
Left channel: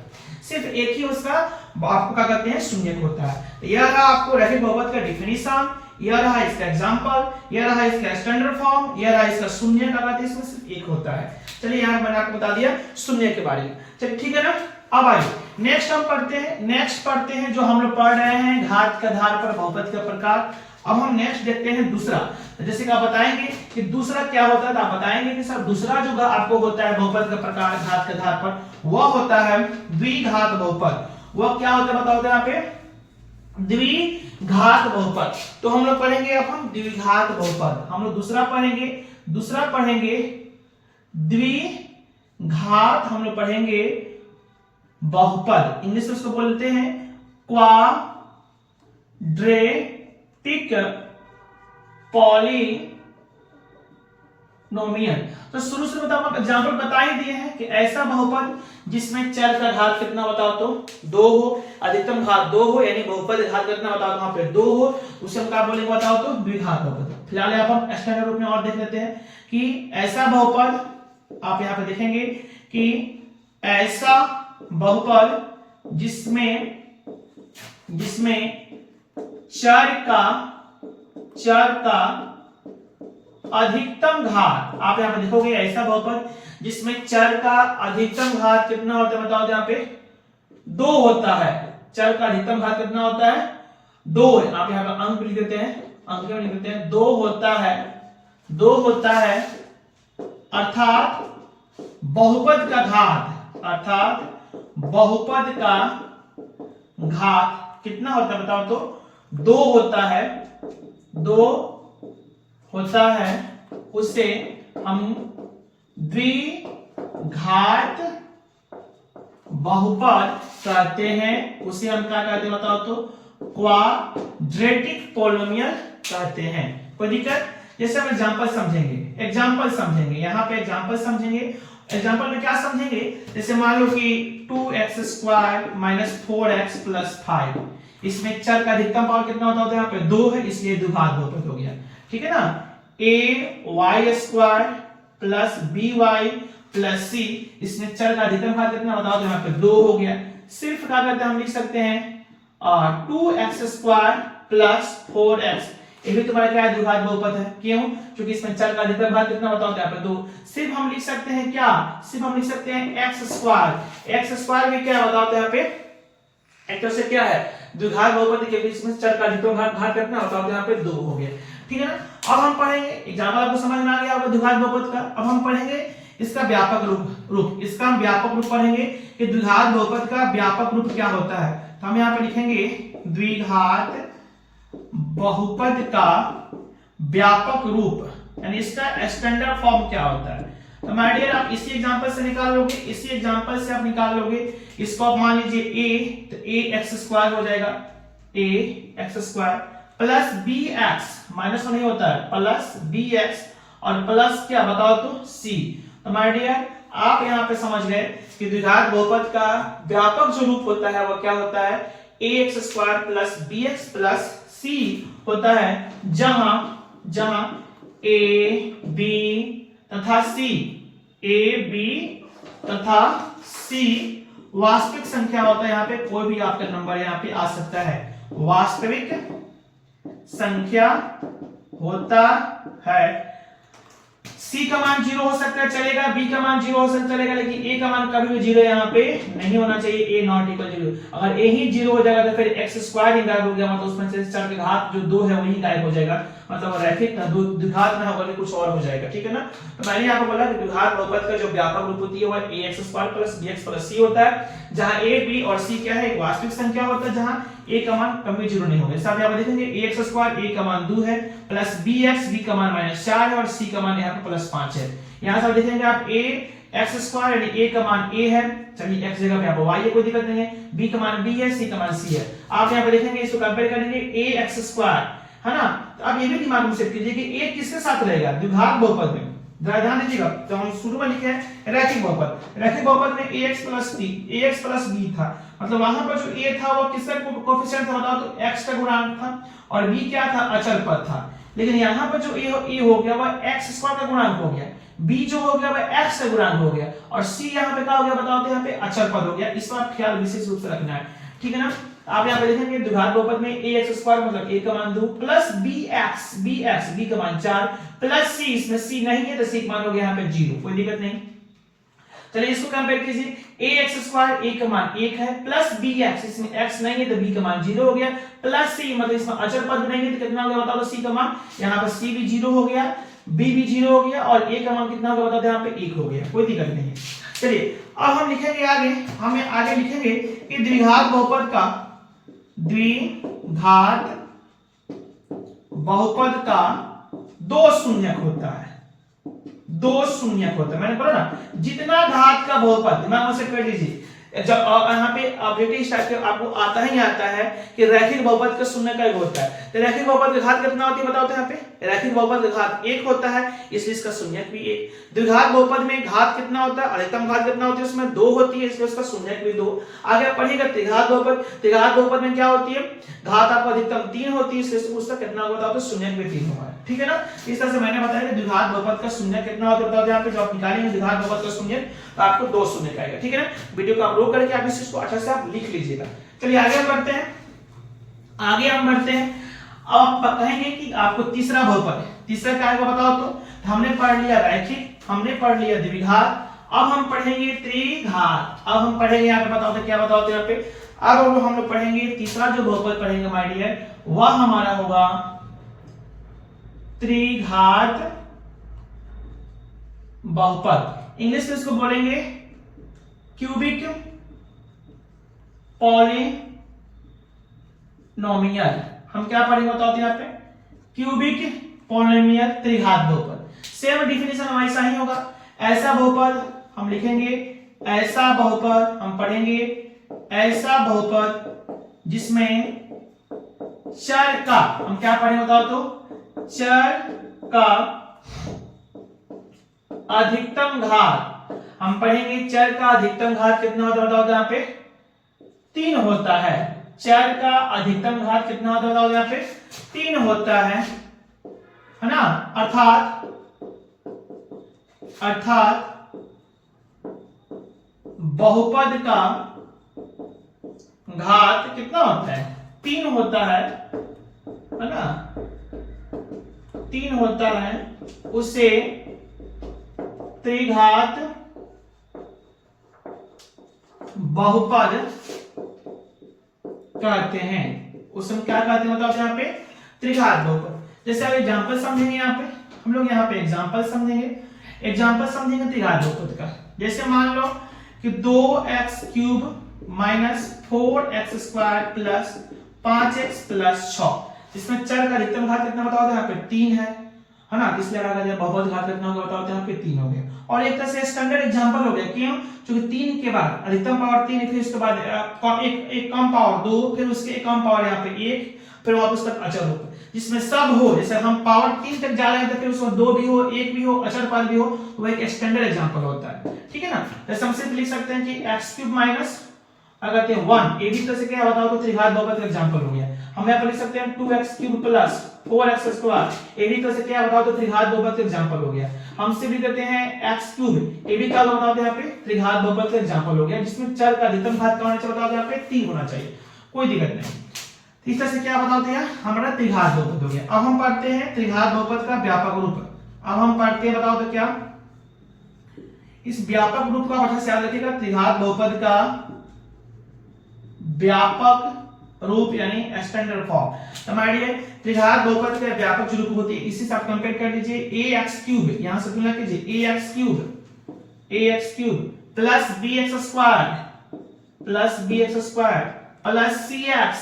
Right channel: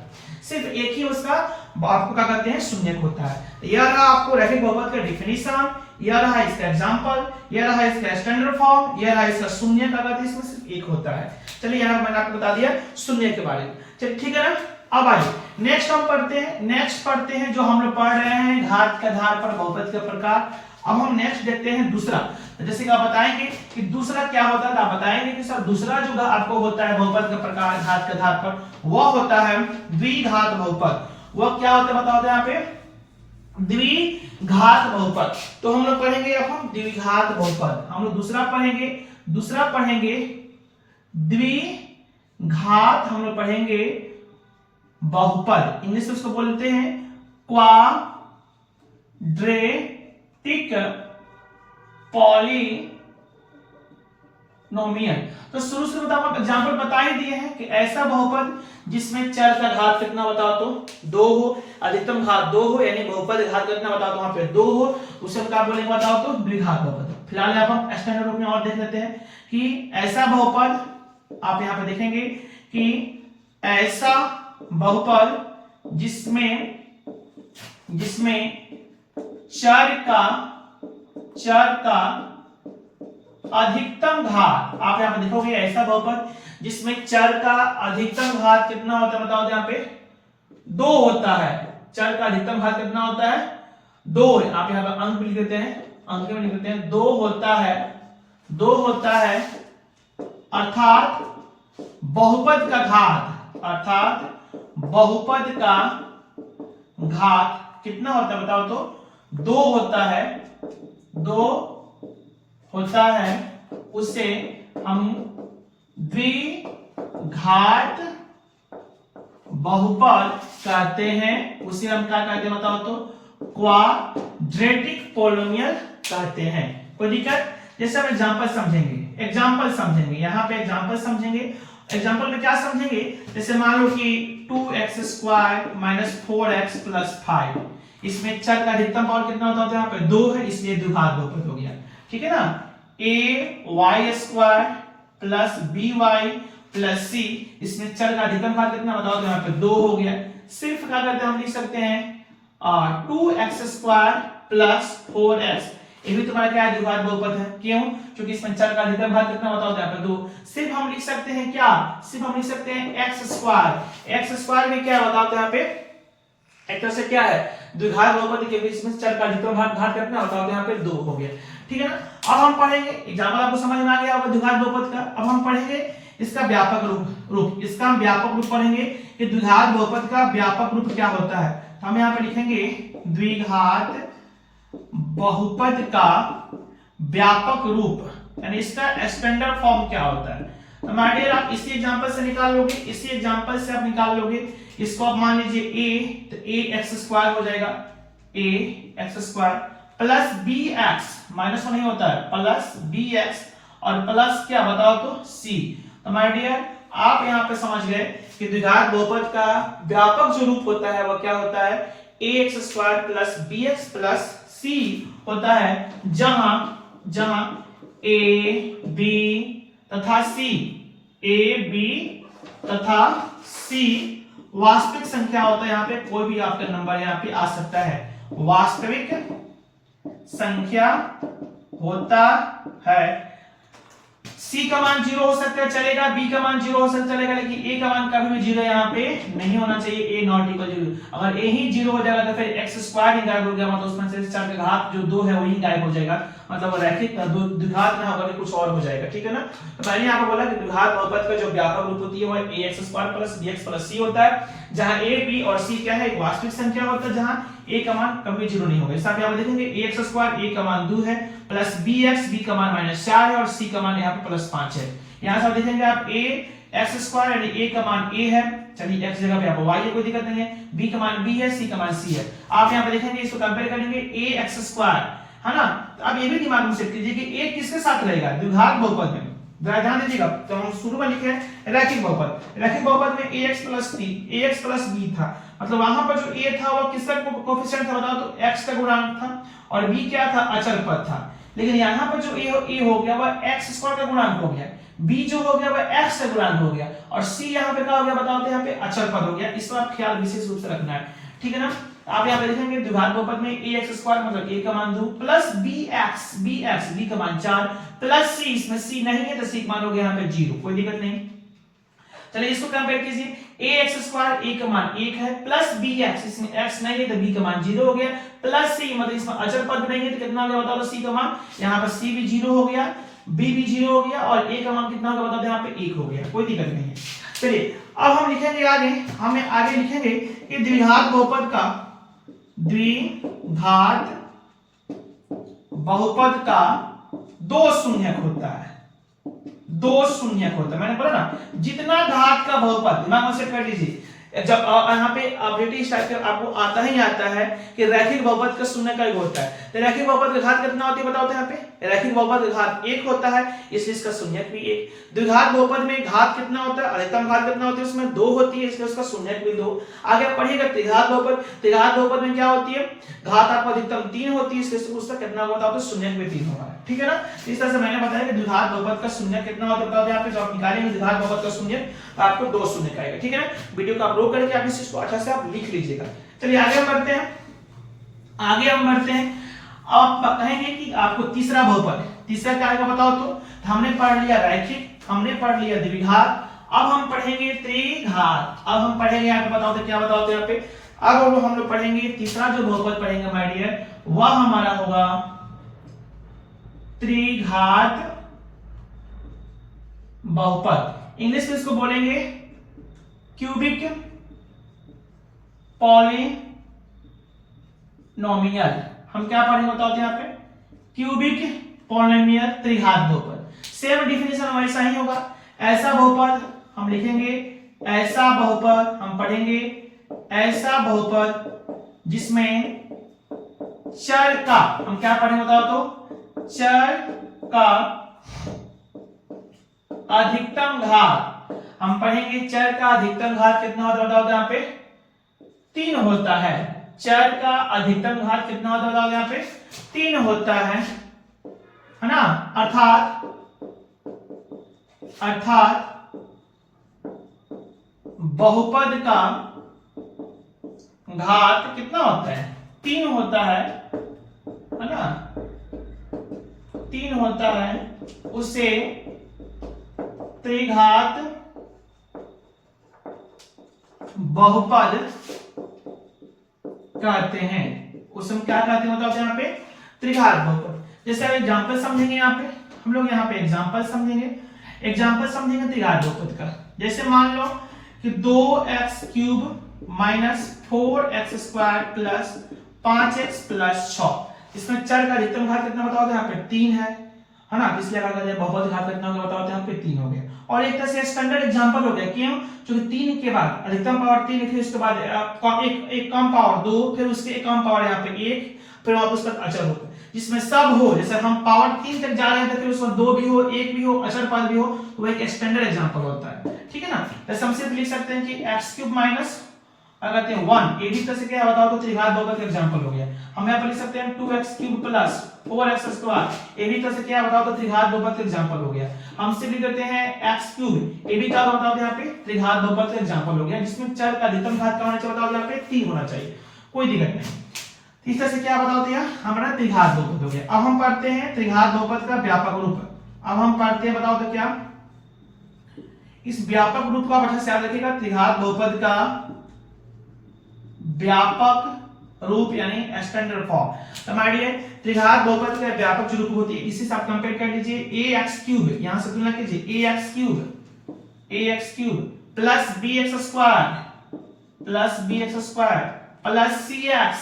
सिर्फ एक ही उसका आपको क्या कहते हैं शून्यक होता है। यह रहा आपको रैखिक बहुपद का डिफिनीशन, यह रहा इसका एग्जांपल, यह रहा इसका स्टैंडर्ड फॉर्म, यह रहा इसका शून्य का कहते हैं, इसमें सिर्फ एक होता है। चलिए यहाँ मैंने आपको बता दिया शून्य के बारे में। चलिए ठीक है ना, अब आइए नेक्स्ट हम पढ़ते हैं जो हम लोग पढ़ रहे हैं घात के आधार पर बहुपद के प्रकार। अब हम नेक्स्ट देखते हैं दूसरा। जैसे कि आप बताएंगे कि दूसरा क्या होता है, तो आप बताएंगे कि सर दूसरा जो आपको होता है बहुपद का प्रकार घात के आधार पर, वह होता है द्विघात बहुपद। वह क्या होता है बताओ, यहाँ पे द्विघात बहुपद। तो हम लोग पढ़ेंगे अब हम द्विघात बहुपद, हम लोग दूसरा पढ़ेंगे द्विघात, हम लोग पढ़ेंगे बहुपद, इंग्लिश में उसको बोलते हैं क्वाड्रेटिक पॉलिनोमियल। तो शुरू से बताओ, एग्जांपल बता ही दिए हैं कि ऐसा बहुपद जिसमें चर का घात कितना बताओ तो 2 हो, अधिकतम घात 2 हो, यानी बहुपद घात कितना बताओ तो वहां पे 2 हो, उसे हम क्या बोलेंगे बताओ तो द्विघात बहुपद। फिलहाल यहाँ पर स्टैंडर्ड रूप में और देख लेते हैं कि ऐसा बहुपद, आप यहाँ पे देखेंगे कि ऐसा बहुपद जिसमें चर का अधिकतम घात, आप यहाँ पे देखोगे ऐसा बहुपद जिसमें चर का अधिकतम घात कितना होता है बताओ, यहाँ पे 2 होता है। चर का अधिकतम घात कितना होता है? 2। आप यहाँ पर अंक लिख देते हैं, अंक में लिख देते हैं 2 होता है, 2 होता है, अर्थात बहुपद का घात, अर्थात बहुपद का घात कितना होता है बताओ तो? 2 होता है, 2 होता है, उसे हम द्विघात बहुपद कहते हैं। उसे हम क्या कहते हैं बताओ तो? क्वाड्रेटिक पोलिनोमियल कहते हैं। कोई दिक्कत? जैसे हम एग्जांपल समझेंगे, एग्जांपल समझेंगे, यहाँ पे एग्जांपल समझेंगे। एग्जांपल में क्या समझेंगे? जैसे मान लो कि 2x² माइनस 4x प्लस 5, इसमें चर का अधिकतम पावर कितना होता है? यहाँ पे 2 है, इसलिए द्विघात बहुपद हो गया। ठीक है ना? ay² plus by plus c, इसमें चर का अधिकतम घात कितना बताओ तो? यहाँ पे 2 हो गया। सिर्फ क्या करते हैं हम लिख सकते हैं 2x² प्लस 4x, ये भी तुम्हारा क्या है? द्विघात बहुपद है। क्यों? क्योंकि इसमें चर का अधिकतम घात कितना बताओ तो? यहाँ पे 2। सिर्फ हम लिख सकते हैं क्या? सिर्फ हम लिख सकते हैं x² में क्या बताओ तो? यहाँ पे एक तरह से क्या है? द्विघात बहुपद के बीच में चर का अधिकतम घात कितना बताओ तो? यहाँ पे 2 हो गया। ठीक है ना? अब हम पढ़ेंगे, एग्जांपल आपको समझ में आ गया होगा द्विघात बहुपद का। अब हम पढ़ेंगे इसका व्यापक रूप, इसका हम व्यापक रूप पढ़ेंगे कि द्विघात बहुपद का व्यापक रूप क्या होता है। तो हम यहाँ पे लिखेंगे द्विघात बहुपद का व्यापक रूप, यानी इसका स्टैंडर्ड फॉर्म क्या होता है। तो माय डियर, आप इसी एग्जांपल से निकाल लोगे, इसी एग्जांपल से आप निकाल लोगे। इसको आप मान लीजिए a, तो ax² हो जाएगा, ax² प्लस bx, माइनस नहीं होता है, प्लस bx और प्लस क्या बताओ तो? c। तो माय डियर, आप यहाँ पे समझ गए कि द्विघात बहुपद का व्यापक जो रूप होता है वो क्या होता है? ax² plus bx plus c होता है, जहां a b तथा c, a b तथा c वास्तविक संख्या होता है। यहाँ पे कोई भी आपका नंबर यहाँ पे आ सकता है, वास्तविक संख्या होता है। c का मान 0 हो सकता है, चलेगा, b का मान 0 हो सकता है, चलेगा, लेकिन a का मान कभी भी 0 यहाँ पे नहीं होना चाहिए, a नॉट इक्वल 0। अगर a ही 0 हो जाएगा तो फिर x² ही गायब हो गया, मतलब उसमें से चर का घात जो 2 है वही गायब हो जाएगा, मतलब रैखिक द्विघात ना होकर कुछ और हो जाएगा। ठीक है ना? तो मैंने यहाँ पे बोला कि द्विघात बहुपद का जो व्यापक रूप होती है वो ax² plus bx plus c होता है, जहां a b और c क्या है? एक वास्तविक संख्या होता है, जहां a का मान कभी 0 नहीं होगा। साथ ही आप देखेंगे ax² a का मान 2 है, प्लस bx b का मान -4 है और c का मान यहाँ पे +5 है। यहाँ से आप देखेंगे आप ax² यानी a का मान a है, चलिए x जगह पे आप y है, कोई दिक्कत नहीं है, b का मान b है, c का मान c है। आप यहाँ पे देखेंगे, इसको कंपेयर करेंगे ax², है ना? तो अब ये भी दिमाग में सेट कीजिए कि a किसके साथ रहेगा? द्विघात बहुपद में। ध्यान दीजिएगा, तो हम शुरू में लिखे हैं रैखिक बहुपद। रैखिक बहुपद में ax प्लस b था, मतलब वहां पर जो a था वो किसका कोएफिशिएंट था बताओ तो? x का गुणांक था, और b क्या था? अचर पद था। लेकिन यहाँ पर जो a हो गया वह x² का गुणांक हो गया, b जो हो गया वह x का गुणांक हो गया, और c यहाँ पे क्या हो गया बताओ तो? यहाँ पे अचर पद हो गया। इस पर आप ख्याल विशेष रूप से रखना है। ठीक है ना? आप यहाँ पे देखेंगे द्विघात बहुपद में ax² मतलब a का मान 2 प्लस bx b का मान 4 प्लस c, इसमें c नहीं है तो c का मान हो गया यहाँ पे 0, कोई दिक्कत नहीं। चलिए इसको कंपेयर कीजिए, ax² a का मान 1 है, प्लस bx, इसमें x नहीं है तो b का मान 0 हो गया, प्लस c मतलब इसमें अचर पद नहीं है तो कितना हो गया बताओ? c का मान यहाँ पर c भी 0 हो गया, b भी 0 हो गया, और a का मान कितना होगा बताओ? यहाँ पे 1 हो गया, कोई दिक्कत नहीं है। चलिए अब हम लिखेंगे आगे, हमें आगे लिखेंगे कि द्विघात बहुपद का, द्विघात बहुपद का 2 शून्यक होता है, 2 शून्यक होता है। मैंने बोला ना, जितना घात का बहुपद, दिमाग में से कर लीजिए, जब यहाँ पे ब्रिटिश टाइप के आपको आता ही आता है कि रैखिक बहुपद का शून्यक एक होता है, तो रैखिक बहुपद का घात कितना होती है बताओ तो? यहाँ पे रैखिक बहुपद का घात 1 होता है, इसलिए इसका शून्यक भी 1। द्विघात बहुपद में घात कितना होता है? अधिकतम घात कितना होती है? उसमें 2 होती है, इसलिए उसका शून्यक भी 2। आगे आप पढ़िएगा त्रिघात बहुपद, त्रिघात बहुपद में क्या होती है? घात आपको अधिकतम 3 होती है, इसलिए उसका कितना होगा बताओ तो? शून्यक भी 3 होगा। ठीक है ना? इस तरह से मैंने बताया कि द्विघात बहुपद का शून्यक कितना होता है बताओ? यहाँ पे जो आप निकालेंगे द्विघात बहुपद का शून्यक, तो आपको 2 शून्यक आएगा। ठीक है ना? वीडियो को आप रोक करके आप इस चीज को अच्छा से आप लिख लीजिएगा। चलिए आगे हम बढ़ते हैं, आगे हम बढ़ते हैं। अब आप कहेंगे कि आपको तीसरा बहुपद, तीसरा क्या आएगा बताओ तो? हमने पढ़ लिया रैखिक, हमने पढ़ लिया द्विघात, अब हम पढ़ेंगे त्रिघात। अब हम पढ़ेंगे यहाँ पे, बताओ तो क्या बताओ तो यहाँ पे, अब हम लोग पढ़ेंगे तीसरा जो बहुपद पढ़ेंगे माय डियर, वह हमारा होगा त्रिघात बहुपद। इंग्लिश में इसको बोलेंगे क्यूबिक पॉलिनोमियल। हम क्या पढ़ेंगे बताओ तो यहाँ पे, क्यूबिक पॉलिनोमियल त्रिघात बहुपद। सेम डिफिनेशन वैसा ही होगा। ऐसा बहुपद हम लिखेंगे, ऐसा बहुपद हम पढ़ेंगे, ऐसा बहुपद जिसमें चर का, हम क्या पढ़ेंगे बताओ तो, चर का अधिकतम घात। हम पढ़ेंगे चर का अधिकतम घात कितना होता है बताओ तो यहाँ पे 3 होता है। चर का अधिकतम घात कितना होता है बताओ यहाँ पे 3 होता है ना। अर्थात बहुपद का घात कितना होता है, 3 होता है ना, 3 होता है, उसे त्रिघात बहुपद कहते हैं। उसे हम क्या कहते हैं बताओ यहाँ पे, त्रिघात बहुपद। जैसे आप एग्जांपल समझेंगे, यहाँ पे हम लोग यहाँ पे एग्जांपल समझेंगे त्रिघात बहुपद का। जैसे मान लो कि 2x cube minus 4x square plus 5x plus 6, इसमें चर का अधिकतम घात कितना बताओ तो यहाँ पे 3 है ना, इसलिए क्या कहते हैं बहुपद घात कितना होगा बताओ तो यहाँ पे 3 हो गया। और एक तरह से स्टैंडर्ड एग्जांपल हो गया, क्यों, क्योंकि 3 के बाद अधिकतम पावर 3, फिर उसके बाद एक कम पावर 2, फिर उसके एक कम पावर यहाँ पे 1, फिर वापस तक अचर होगा, जिसमें सब हो। जैसे हम पावर 3 तक जा रहे हैं तो फिर उसमें 2 भी हो, 1 भी हो, अचर पद भी हो, तो वो एक स्टैंडर्ड एग्जांपल होता है। ठीक है ना। तो हम सिर्फ लिख सकते हैं कि x क्यूब माइनस अगर 1, ये भी तरह से क्या बताओ तो त्रिघात बहुपद का एग्जांपल हो गया। हम यहाँ पर लिख सकते हैं 2x cube plus 4x square, ये भी तरह से क्या बताओ तो त्रिघात बहुपद का एग्जांपल हो गया। हम सिर्फ लिख देते हैं x क्यूब, ये भी क्या बताओ तो यहाँ पे त्रिघात बहुपद का एग्जांपल हो गया, जिसमें चर का अधिकतम घात क्या होना चाहिए बताओ तो यहाँ पे 3 होना चाहिए, कोई दिक्कत नहीं। इस तरह से क्या बताओ तो यहाँ हमारा त्रिघात बहुपद हो गया। अब हम पढ़ते हैं त्रिघात बहुपद का व्यापक रूप। अब हम पढ़ते हैं बताओ तो क्या, इस व्यापक रूप का अच्छा से याद रखिएगा, त्रिघात बहुपद का व्यापक रूप यानी स्टैंडर्ड फॉर्म। तो हमारे त्रिघात बहुपद का व्यापक रूप होती है, इसी से आप कंपेयर कर लीजिए ax क्यूब, यहां से तुलना कीजिए ax cube plus bx square plus cx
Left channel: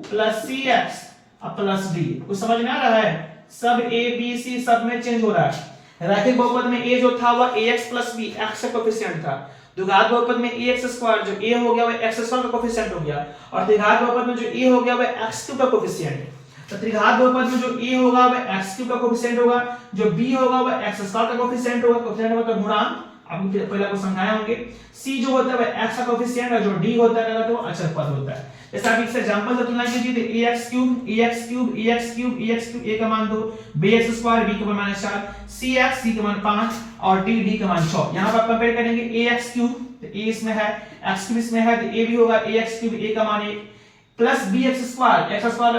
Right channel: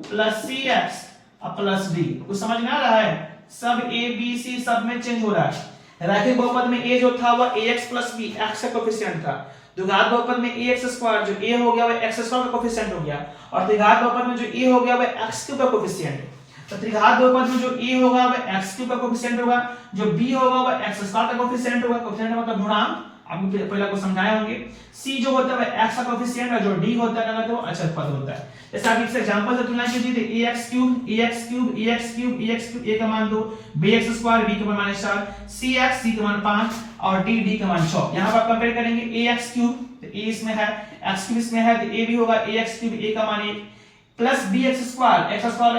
plus d। कुछ समझ में आ रहा है, सब a b c सब में चेंज हो रहा है। रैखिक बहुपद में a जो था वह ax प्लस b x का कोफिशिएंट था, द्विघात बहुपद में ax स्क्वायर जो a हो गया वह x स्क्वायर का कोफिशिएंट हो गया, और त्रिघात बहुपद में जो a हो गया वह x क्यूब का कोफिशिएंट है। तो त्रिघात बहुपद में जो a होगा वह x क्यूब का कोफिशिएंट होगा, जो b होगा वह x स्क्वायर का कोफिशिएंट होगा। कोफिशिएंट मतलब गुणांक, आपने पहले को समझाए होंगे। c जो होता है वह x का कोफिशिएंट है, जो d होता है तो अचर पद होता है। जैसे आप इससे एग्जांपल से तुलना कीजिए तो ax क्यूब a का मान 2, bx स्क्वायर b का मान 4, cx c का मान 5 और d का मान 6। यहां पर कंपेयर करेंगे ax क्यूब, तो a इसमें है, x क्यूब इसमें है, तो a भी होगा ax क्यूब a का मान 1 plus bx square x square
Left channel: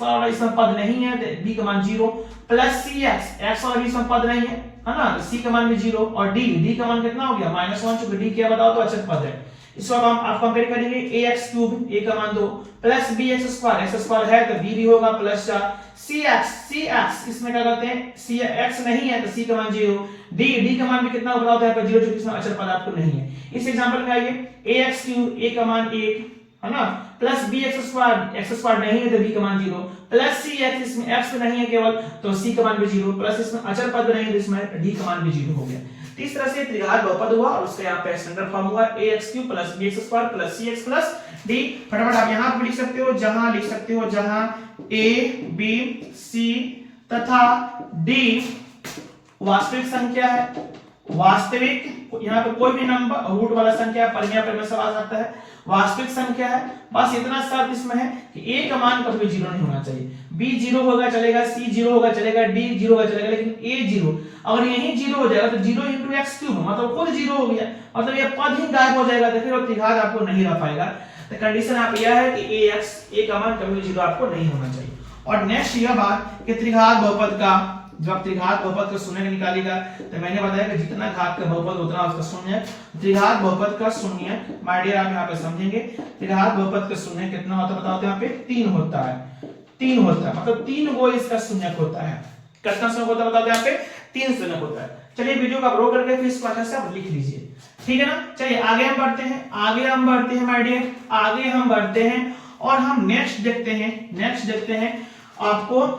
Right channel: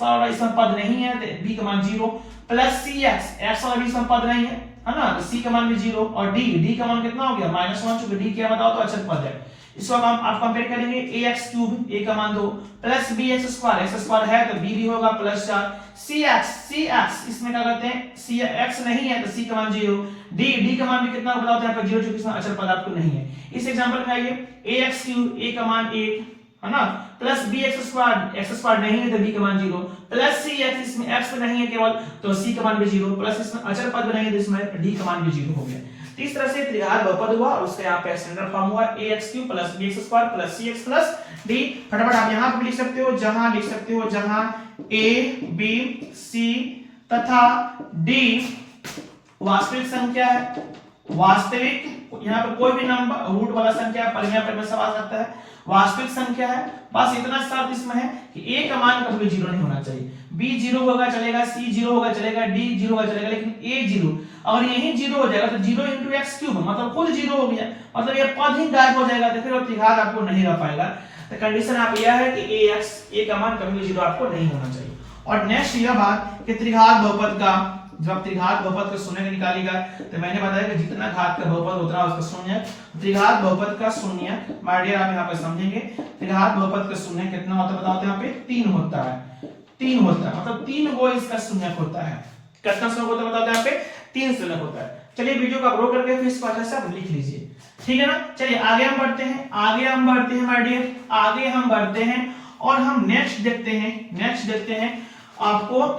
वाला इसमें पद नहीं है तो b का मान 0 प्लस cx x वाला भी इसमें पद नहीं है ना, तो c का मान भी 0 और d का मान कितना हो गया -1, चूंकि d क्या बताओ तो अचर पद है। इसको अब हम आप कंपेयर करेंगे ax क्यूब a का मान 2 plus bx square x square है तो b भी होगा प्लस 4, cx इसमें क्या करते हैं, cx नहीं है तो c का मान 0, d का मान भी कितना बताओ तो यहाँ पे 0, जो इसमें अचर पद आपको नहीं है। इस एग्जांपल में आइए ax क्यूब a का मान 1 है ना, प्लस bx स्क्वायर नहीं है तो b का मान 0, प्लस cx इसमें x नहीं है केवल तो c का मान भी 0, प्लस इसमें अचर पद नहीं है तो इसमें d का मान भी 0 हो गया। तो इस तरह से त्रिघात बहुपद हुआ और उसका यहाँ पे स्टैंडर्ड फॉर्म हुआ ax cube plus bx square plus cx plus d। फटाफट आप यहाँ पे लिख सकते हो, जहां a b c तथा d वास्तविक संख्या है, वास्तविक यहाँ पे कोई भी नंबर रूट वाला संख्या परिमेय पर में सवाल आता है, वास्तविक संख्या है। बस इतना शर्त इसमें है कि a का मान कभी 0 नहीं होना चाहिए, b 0 होगा चलेगा, c 0 होगा चलेगा, d 0 होगा चलेगा, लेकिन a 0 अगर यही 0 हो जाएगा तो 0 into x क्यूब मतलब खुद 0 हो गया, मतलब ये पद ही गायब हो जाएगा, तो फिर वो त्रिघात आपको नहीं रह पाएगा। तो कंडीशन आप यह है कि a का मान कभी भी 0 आपको नहीं होना चाहिए। और नेक्स्ट यह बात कि त्रिघात बहुपद का जब त्रिघात बहुपद का शून्य निकालेगा तो मैंने बताया कि जितना घात का बहुपद उतना उसका शून्य। त्रिघात बहुपद का शून्य माय डियर आप यहाँ पे समझेंगे, त्रिघात बहुपद का शून्य कितना होता है बताओ तो यहाँ पे 3 होता है, 3 होता है, मतलब 3 गो इसका शून्य होता है। कितना शून्य होता है बताओ यहाँ पे 3 शून्य होता है। चलिए वीडियो को रो करके फिर इसको अच्छा से आप लिख लीजिए, ठीक है ना। चलिए आगे हम बढ़ते हैं, माय डियर, आगे हम बढ़ते हैं और हम नेक्स्ट देखते हैं आपको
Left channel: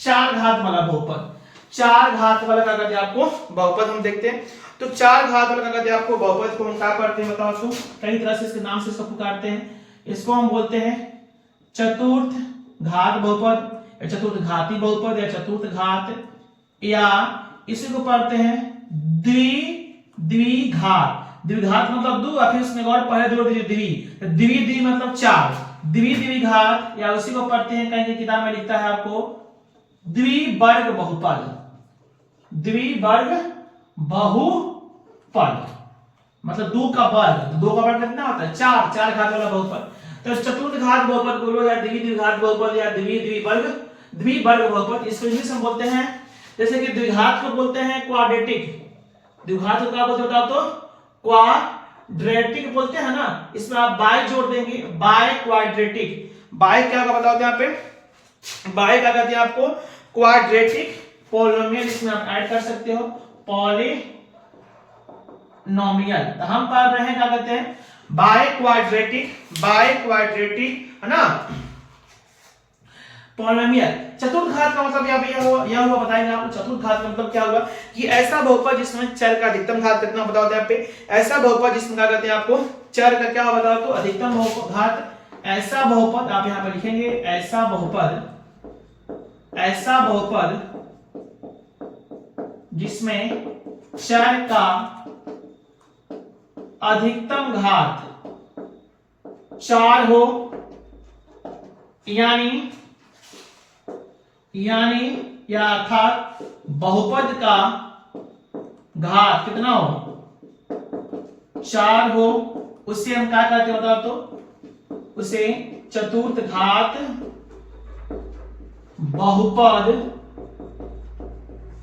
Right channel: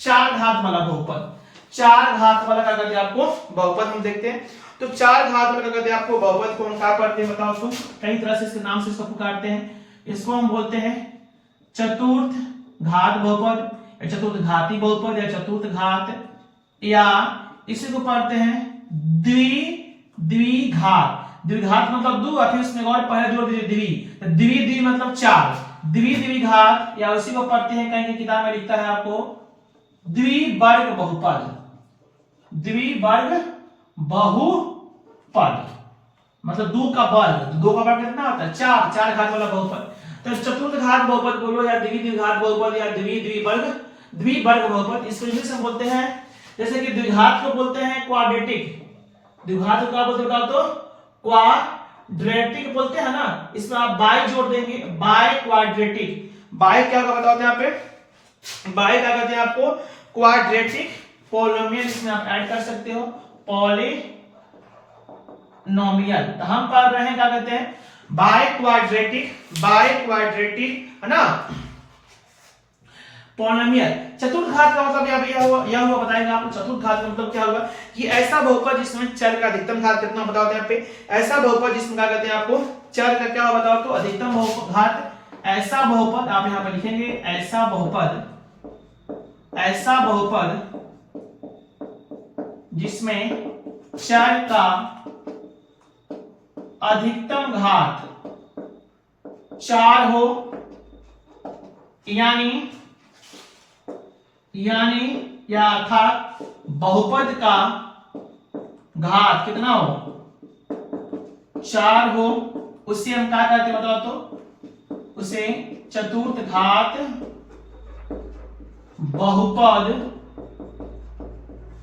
4 घात वाला बहुपद। 4 घात वाला क्या कहते हैं आपको बहुपद हम देखते हैं। तो 4 घात वाला क्या कहते हैं आपको बहुपद को हम क्या करते हैं बताओ तो कई तरह से इसके नाम से इसको पुकारते हैं। इसको हम बोलते हैं चतुर्थ घात बहुपद या चतुर्थ घाती बहुपद या चतुर्थ घात, या इसी को पढ़ते हैं द्विघात। द्विघात मतलब दो और फिर उसमें और पहले जोड़ दीजिए द्वि मतलब 4, द्विघात, या उसी को पढ़ते हैं कहीं किताब में लिखता है आपको द्विवर्ग बहुपद। द्विवर्ग बहुपद मतलब 2 का वर्ग कितना होता है 4, 4 घात वाला बहुपद। तो चतुर्थ घात बहुपद बोलो या द्विघात बहुपद या द्विवर्ग बहुपद। इसको इंग्लिश में बोलते हैं, जैसे कि द्विघात को बोलते हैं क्वाड्रेटिक। द्विघात को क्या बोलते हैं तो क्वाड्रेटिक बोलते हैं ना, इसमें आप बाय जोड़ देंगे, बाय क्वाड्रेटिक। बाय क्या होगा बताओ यहाँ पे, बाय क्या कहते हैं आपको क्वाड्रेटिक पोलिनोमियल, इसमें आप ऐड कर सकते हो पॉलिनोमियल। तो हम पढ़ रहे हैं क्या कहते हैं बाय क्वाड्रेटिक है ना पोलिनोमियल। चतुर्थ घात का मतलब यह हुआ बताएंगे आपको। चतुर्थ घात का मतलब क्या हुआ कि ऐसा बहुपद जिसमें चर का अधिकतम घात कितना बताओ यहाँ पे, ऐसा बहुपद जिसमें क्या कहते हैं आपको चर का क्या बताओ तो अधिकतम घात। ऐसा बहुपद आप यहाँ पे लिखेंगे, ऐसा बहुपद जिसमें चर का अधिकतम घात 4 हो, या अर्थात बहुपद का घात कितना हो 4 हो, उससे हम क्या कहते हैं बताओ तो उसे चतुर्थ घात बहुपद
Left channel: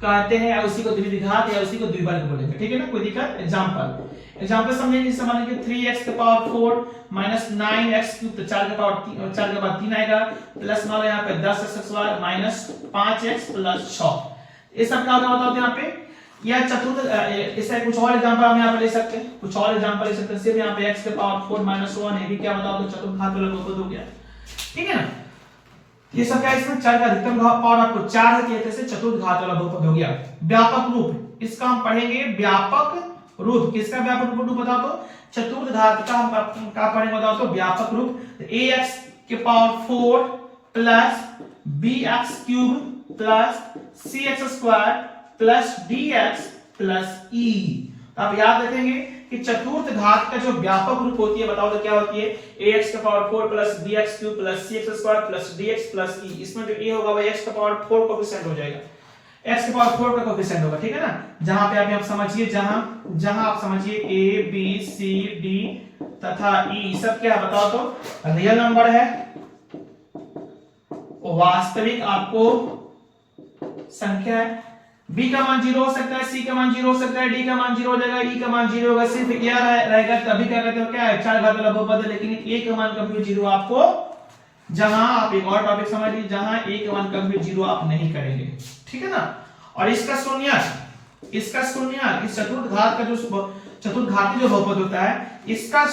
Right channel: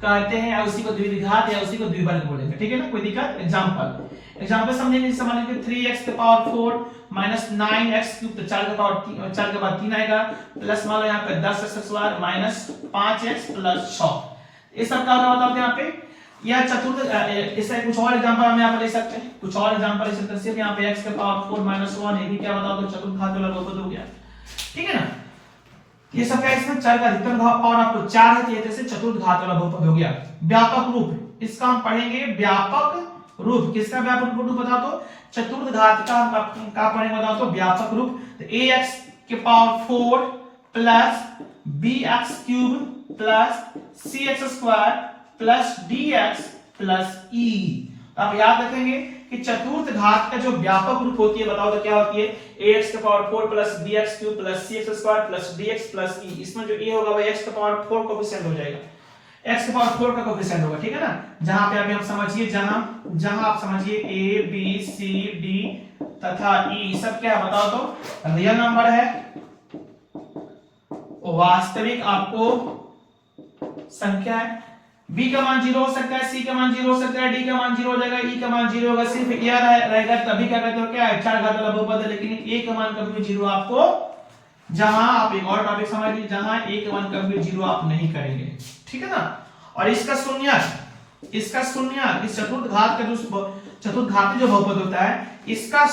कहते हैं, या उसी को द्विघात या उसी को द्विवर्ग बोलेंगे, ठीक है ना। कोई दिक्कत। एग्जांपल समझेंगे, समझेंगे 3x के पावर 4 माइनस 9x क्यूब, तो 4 के बाद 3 आएगा, प्लस मान लो यहाँ पे 10x माइनस 5x प्लस 6। ये सब क्या होता है यहाँ पे, यह चतुर्थ। इसका कुछ और एग्जांपल हम यहाँ पे ले सकते हैं, सिर्फ यहाँ पे x के पावर 4 माइनस 1, ये भी क्या बता दो चतुर्थ घात वाला बहुपद हो गया, ठीक है ना। ये सब क्या इसमें चर का अधिकतम घात और आपको 4 है, तो जैसे चतुर्थ घात वाला बहुपद हो गया। व्यापक रूप, इसका हम पढ़ेंगे व्यापक रूप। किसका व्यापक रूप बता दो, चतुर्थ घात का हम क्या पढ़ेंगे बताओ तो व्यापक रूप। तो ax के power 4 plus bx cube plus cx square plus dx plus e। तो आप याद रखेंगे कि चतुर्थ घात का जो व्यापक रूप होती है बताओ तो क्या होती है, ax के power 4 plus bx cube plus cx square plus dx plus e। इसमें जो a होगा वो x के पावर 4 कोफिशिएंट हो जाएगा, x के पावर 4 का कोफिशिएंट होगा, ठीक है ना। जहां पे अभी आप समझिए, जहां आप समझिए a b c d तथा e सब क्या बताओ तो रियल नंबर है, वास्तविक आपको संख्या है। b का मान 0 हो सकता है, c का मान 0 हो सकता है, d का मान 0 हो जाएगा, e का मान 0 होगा, सिर्फ यह रहेगा तभी क्या कहते हो क्या है 4 घात वाला बहुपद है। लेकिन a का मान कभी 0 आपको, जहां आप एक और टॉपिक समझ लीजिए, जहां a का मान कभी 0 आप नहीं करेंगे, ठीक है ना। और इसका शून्यक, इस चतुर्थ घात का जो चतुर्थ घाती जो बहुपद होता है, इसका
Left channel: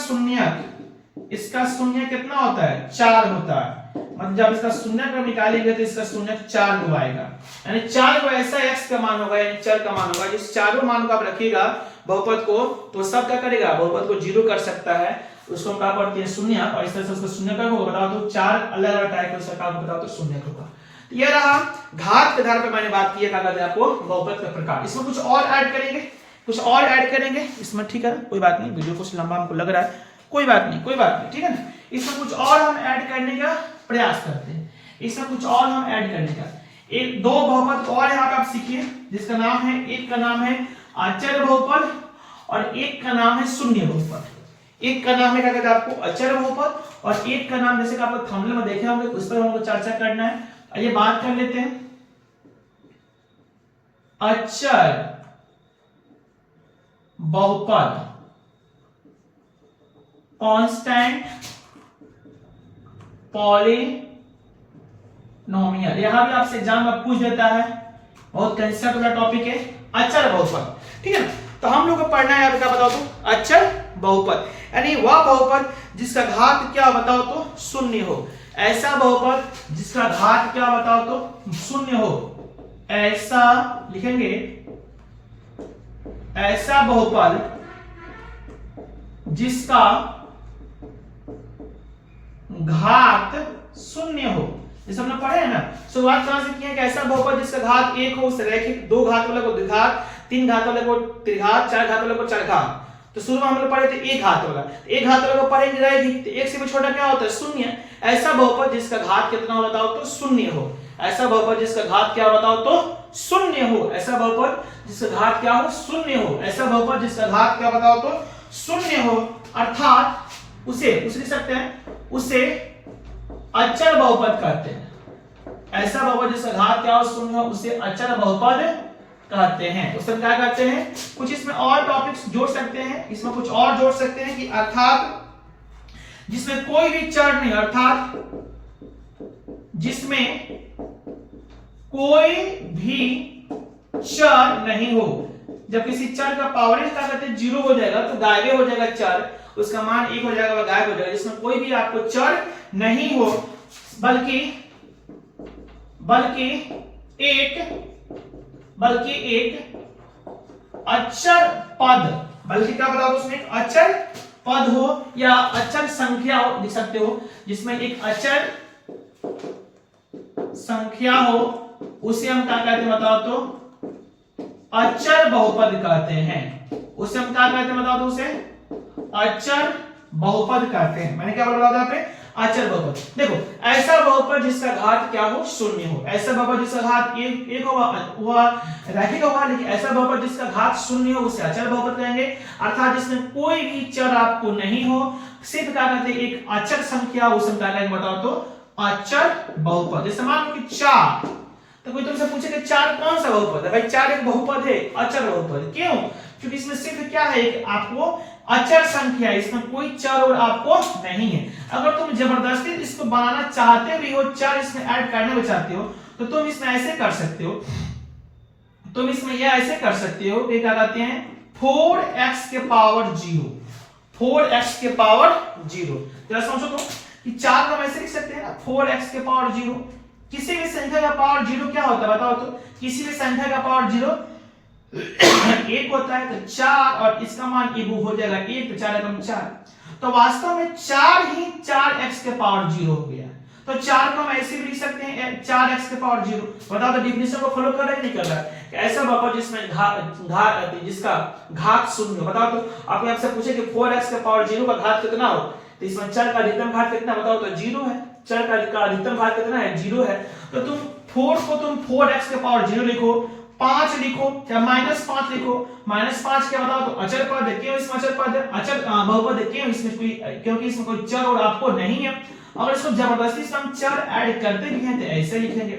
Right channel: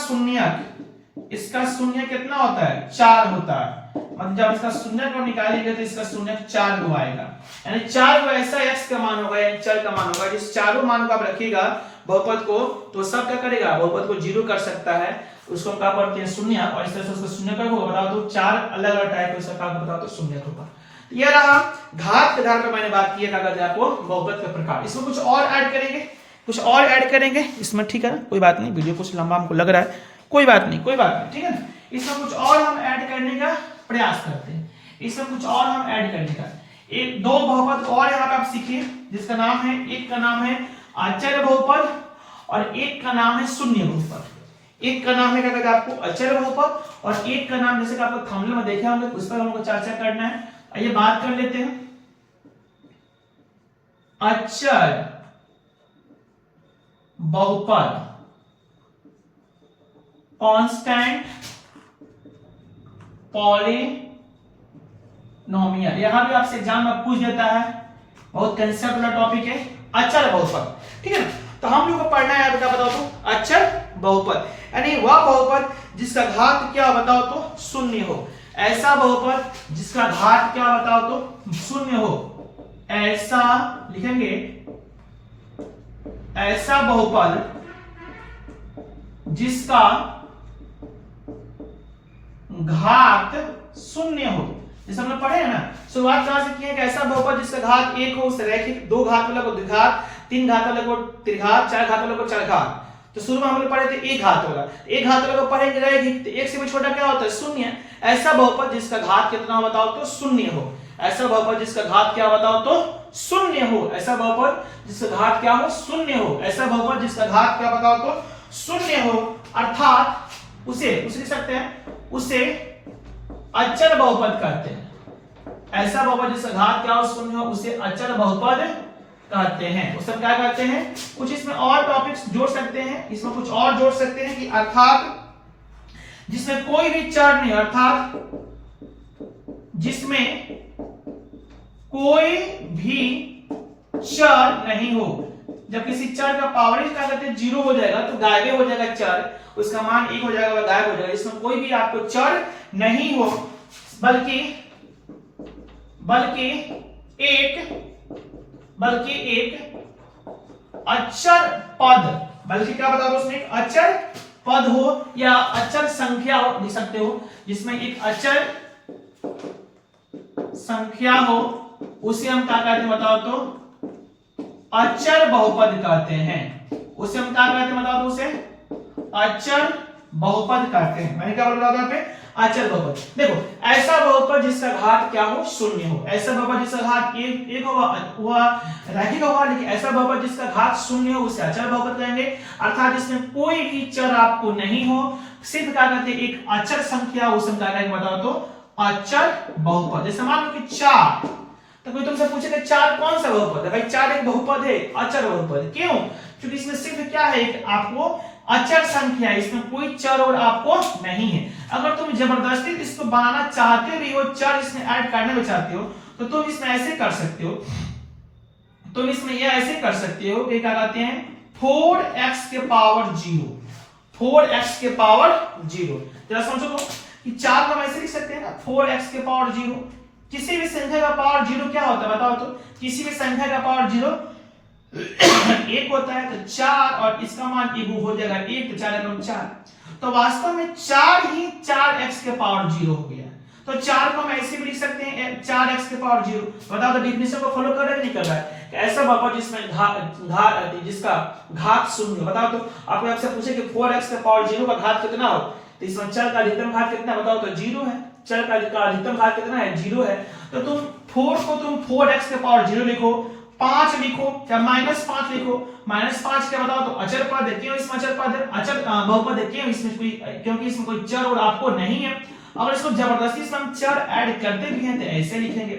शून्य कितना होता है 4 होता है। मतलब जब इसका शून्यक हम निकालेंगे तो इसका शून्यक 4 गो आएगा, यानी 4 गो ऐसा x का मान होगा, यानी चर का मान होगा। जिस चारों मान को आप रखिएगा बहुपद को, तो सब क्या करेगा बहुपद को 0 कर सकता है, उसको क्या करते हैं शून्यक। और इस तरह से उसको शून्यक होगा बताओ तो 4 अलग अलग टाइप के उसका बताओ तो शून्यक होगा। ये रहा घात के आधार पर मैंने बात की है क्या कहते हैं आपको बहुपद का प्रकार। इसमें कुछ और ऐड करेंगे, इसमें, ठीक है ना। कोई बात नहीं, वीडियो कुछ लंबा हमको लग रहा है, कोई बात नहीं, ठीक है ना। इसमें कुछ और हम ऐड करने का प्रयास करते हैं, एक दो बहुपद और यहाँ पे आप सीखिए, जिसका नाम है, एक का नाम है अचर बहुपद और एक का नाम है शून्य बहुपद। एक का नाम है क्या कहते हैं आपको अचर बहुपद, और एक का नाम जैसे कि आपको थंबनेल में देखे होंगे, उस पर हमको चर्चा करना है। आइए बात कर लेते हैं। अचर बहुपद, कांस्टेंट पॉलिनोमियल। यहां भी आपसे एग्जाम में पूछ देता है, बहुत कंसेप्ट वाला टॉपिक है, अचर बहुपद। ठीक है ना, तो हम लोग को पढ़ना है, क्या बताओ तो, अचर बहुपद, यानी वह बहुपद जिसका घात क्या बताओ तो शून्य हो। ऐसा बहुपद जिसका घात क्या बताओ तो शून्य हो, ऐसा लिखेंगे, ऐसा बहुपद जिसका घात शून्य हो। जैसे हमने पढ़े है ना, शुरुआत कहां से किए, ऐसा बहुपद जिसका घात एक हो, उस रैखिक, दो घात वाले को द्विघात, तीन घात वाले को त्रिघात, चार घात वाले को चरघात। तो शुरू में हम लोग पढ़े थे एक घात वाला, एक घात वाले को पढ़ेंगे रहेगी, तो एक से भी छोटा क्या होता है, शून्य। ऐसा बहुपद जिसका घात कितना हो बताओ तो शून्य हो। ऐसा बहुपद जिसका घात क्या बताओ तो शून्य हो। ऐसा बहुपद जिसका घात क्या हो, शून्य हो। ऐसा बहुपद जिसका घात क्या बताओ तो शून्य हो, अर्थात उसे लिख सकते हैं, उसे अचर बहुपद कहते हैं। ऐसा बहुपद जिसका घात क्या हो, शून्य हो, उसे अचर बहुपद कहते हैं। उसे हम क्या कहते हैं, कुछ इसमें और टॉपिक्स जोड़ सकते हैं, इसमें कुछ और जोड़ सकते हैं कि अर्थात जिसमें कोई भी चर नहीं, अर्थात जिसमें कोई भी चर नहीं हो। जब किसी चर का पावर क्या कहते हैं, जीरो हो जाएगा तो गायब हो जाएगा चर, उसका मान एक हो जाएगा, वह गायब हो जाएगा। जिसमें कोई भी आपको चर नहीं हो, बल्कि एक अचर पद, बल्कि क्या बताओ उसमें अचर पद हो या अचर संख्या हो, लिख सकते हो, जिसमें एक अचर संख्या हो, उसे हम क्या कहते हैं बताओ तो अचर बहुपद कहते हैं। उसे हम क्या कहते हैं बताओ तो उसे अचर बहुपद कहते हैं। मैंने क्या बोला था यहाँ पे, अचर बहुपद। देखो, ऐसा बहुपद जिसका घात क्या हो, शून्य हो। ऐसा बहुपद जिसका घात एक होगा वह रैखिक होगा, लेकिन ऐसा बहुपद जिसका घात शून्य हो उसे अचर बहुपद कहेंगे। अर्थात जिसमें कोई भी चर आपको नहीं हो, सिर्फ क्या कहते हैं एक अचर संख्या, उसे क्या कहेंगे बताओ तो अचर बहुपद। जैसे मान लो कि 4, तो कोई तुमसे पूछे कि 4 कौन सा बहुपद है, भाई 4 एक बहुपद है, अचर बहुपद। क्यों? क्योंकि इसमें सिर्फ क्या है कि आपको अचर संख्या, इसमें कोई चर और आपको नहीं है। अगर तुम जबरदस्ती इसको बनाना चाहते भी हो, चर इसमें ऐड करना भी चाहते हो, तो तुम इसमें ऐसे कर सकते हो, तुम इसमें यह ऐसे कर सकते हो कि क्या कहते हैं 4x के पावर 0, 4x के पावर 0। जरा समझो तो कि 4 को हम ऐसे लिख सकते हैं ना, 4x के पावर 0। किसी भी संख्या का पावर 0 क्या होता है बताओ तो, किसी भी संख्या का पावर 0 1 होता है, तो 4 और इसका मान 1 हो जाएगा 1, तो 4 है 4। तो वास्तव में 4 ही 4x के पावर 0 हो गया। तो 4 को हम ऐसे भी लिख सकते हैं 4x के पावर 0। बताओ तो डिफिनेशन को फॉलो कर रहा है कि नहीं कर रहा है? ऐसा बहुपद जिसमें जिसका घात शून्य। बताओ तो आपने आपसे पूछे कि 4x के पावर 0 का घात कितना हो, तो इसमें चर का अधिकतम घात कितना बताओ तो 0 है। चर का अधिकतम घात कितना है, 0 है। तो तुम 4 को तुम 4x के पावर 0 लिखो, 5 लिखो, क्या -5 लिखो। -5 क्या बताओ तो अचर पद है। क्यों इसमें अचर पद है, अचर बहुपद है? क्यों इसमें कोई, क्योंकि इसमें कोई चर और आपको नहीं है। अगर इसको जबरदस्ती से हम चर ऐड करते भी हैं तो ऐसे लिखेंगे,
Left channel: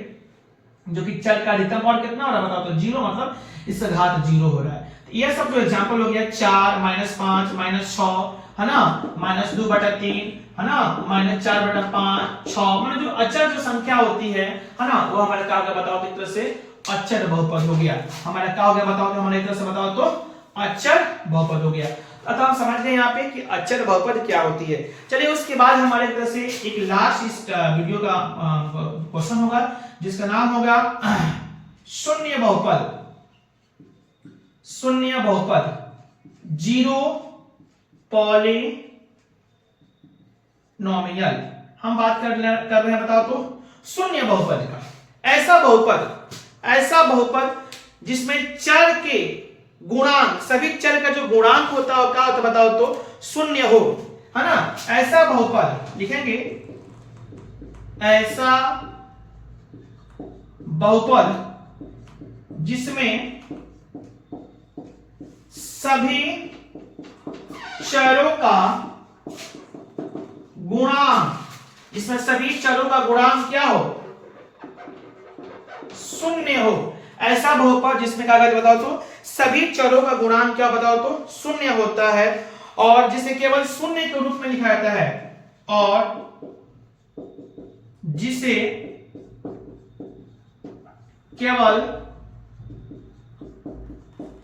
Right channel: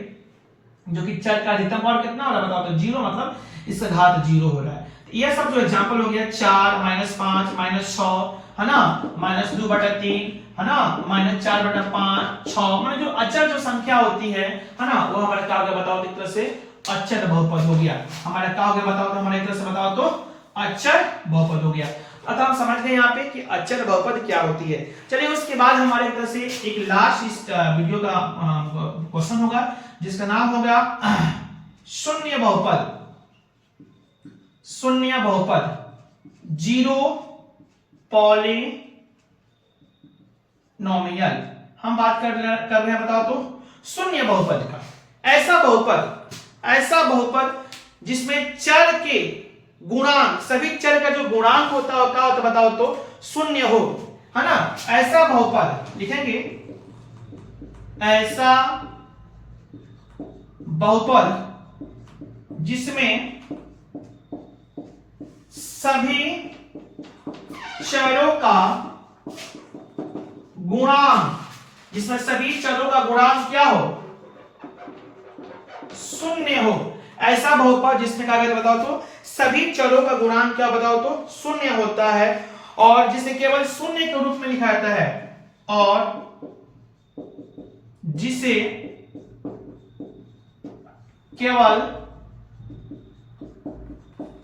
जो कि चर का अधिकतम और कितना हो रहा है बताओ तो 0, मतलब इसका घात 0 हो रहा है। तो ये सब जो एग्जांपल हो गया 4, -5, -6 है ना, -2/3 है ना, -4/5, 6, मतलब जो अचर जो संख्या होती है ना, वो हमारा क्या होगा बताओ तो एक तरह से अचर बहुपद हो गया। हमारा क्या हो गया बताओ तो, हमारे एक तरह से बताओ तो अचर बहुपद हो गया। अतः हम समझ गए यहाँ पे कि अचर बहुपद क्या होती है। चलिए उसके बाद हमारे एक तरह से एक लास्ट इस वीडियो का क्वेश्चन होगा, जिसका नाम होगा शून्य बहुपद। शून्य बहुपद, जीरो पॉलिनोमियल हम बात कर रहे हैं बताओ तो शून्य बहुपद का। ऐसा बहुपद जिसमें चर के गुणांक, सभी चर का जो गुणांक होता है तो बताओ तो शून्य हो, है ना। ऐसा बहुपद लिखेंगे, ऐसा बहुपद जिसमें सभी चरों का गुणांक, जिसमें सभी चरों का गुणांक क्या हो, शून्य हो। ऐसा बहुपद जिसमें क्या कहते बताओ तो सभी चरों का गुणांक क्या बताओ तो शून्य होता है और जिसे केवल शून्य के रूप में लिखा जाता है और जिसे केवल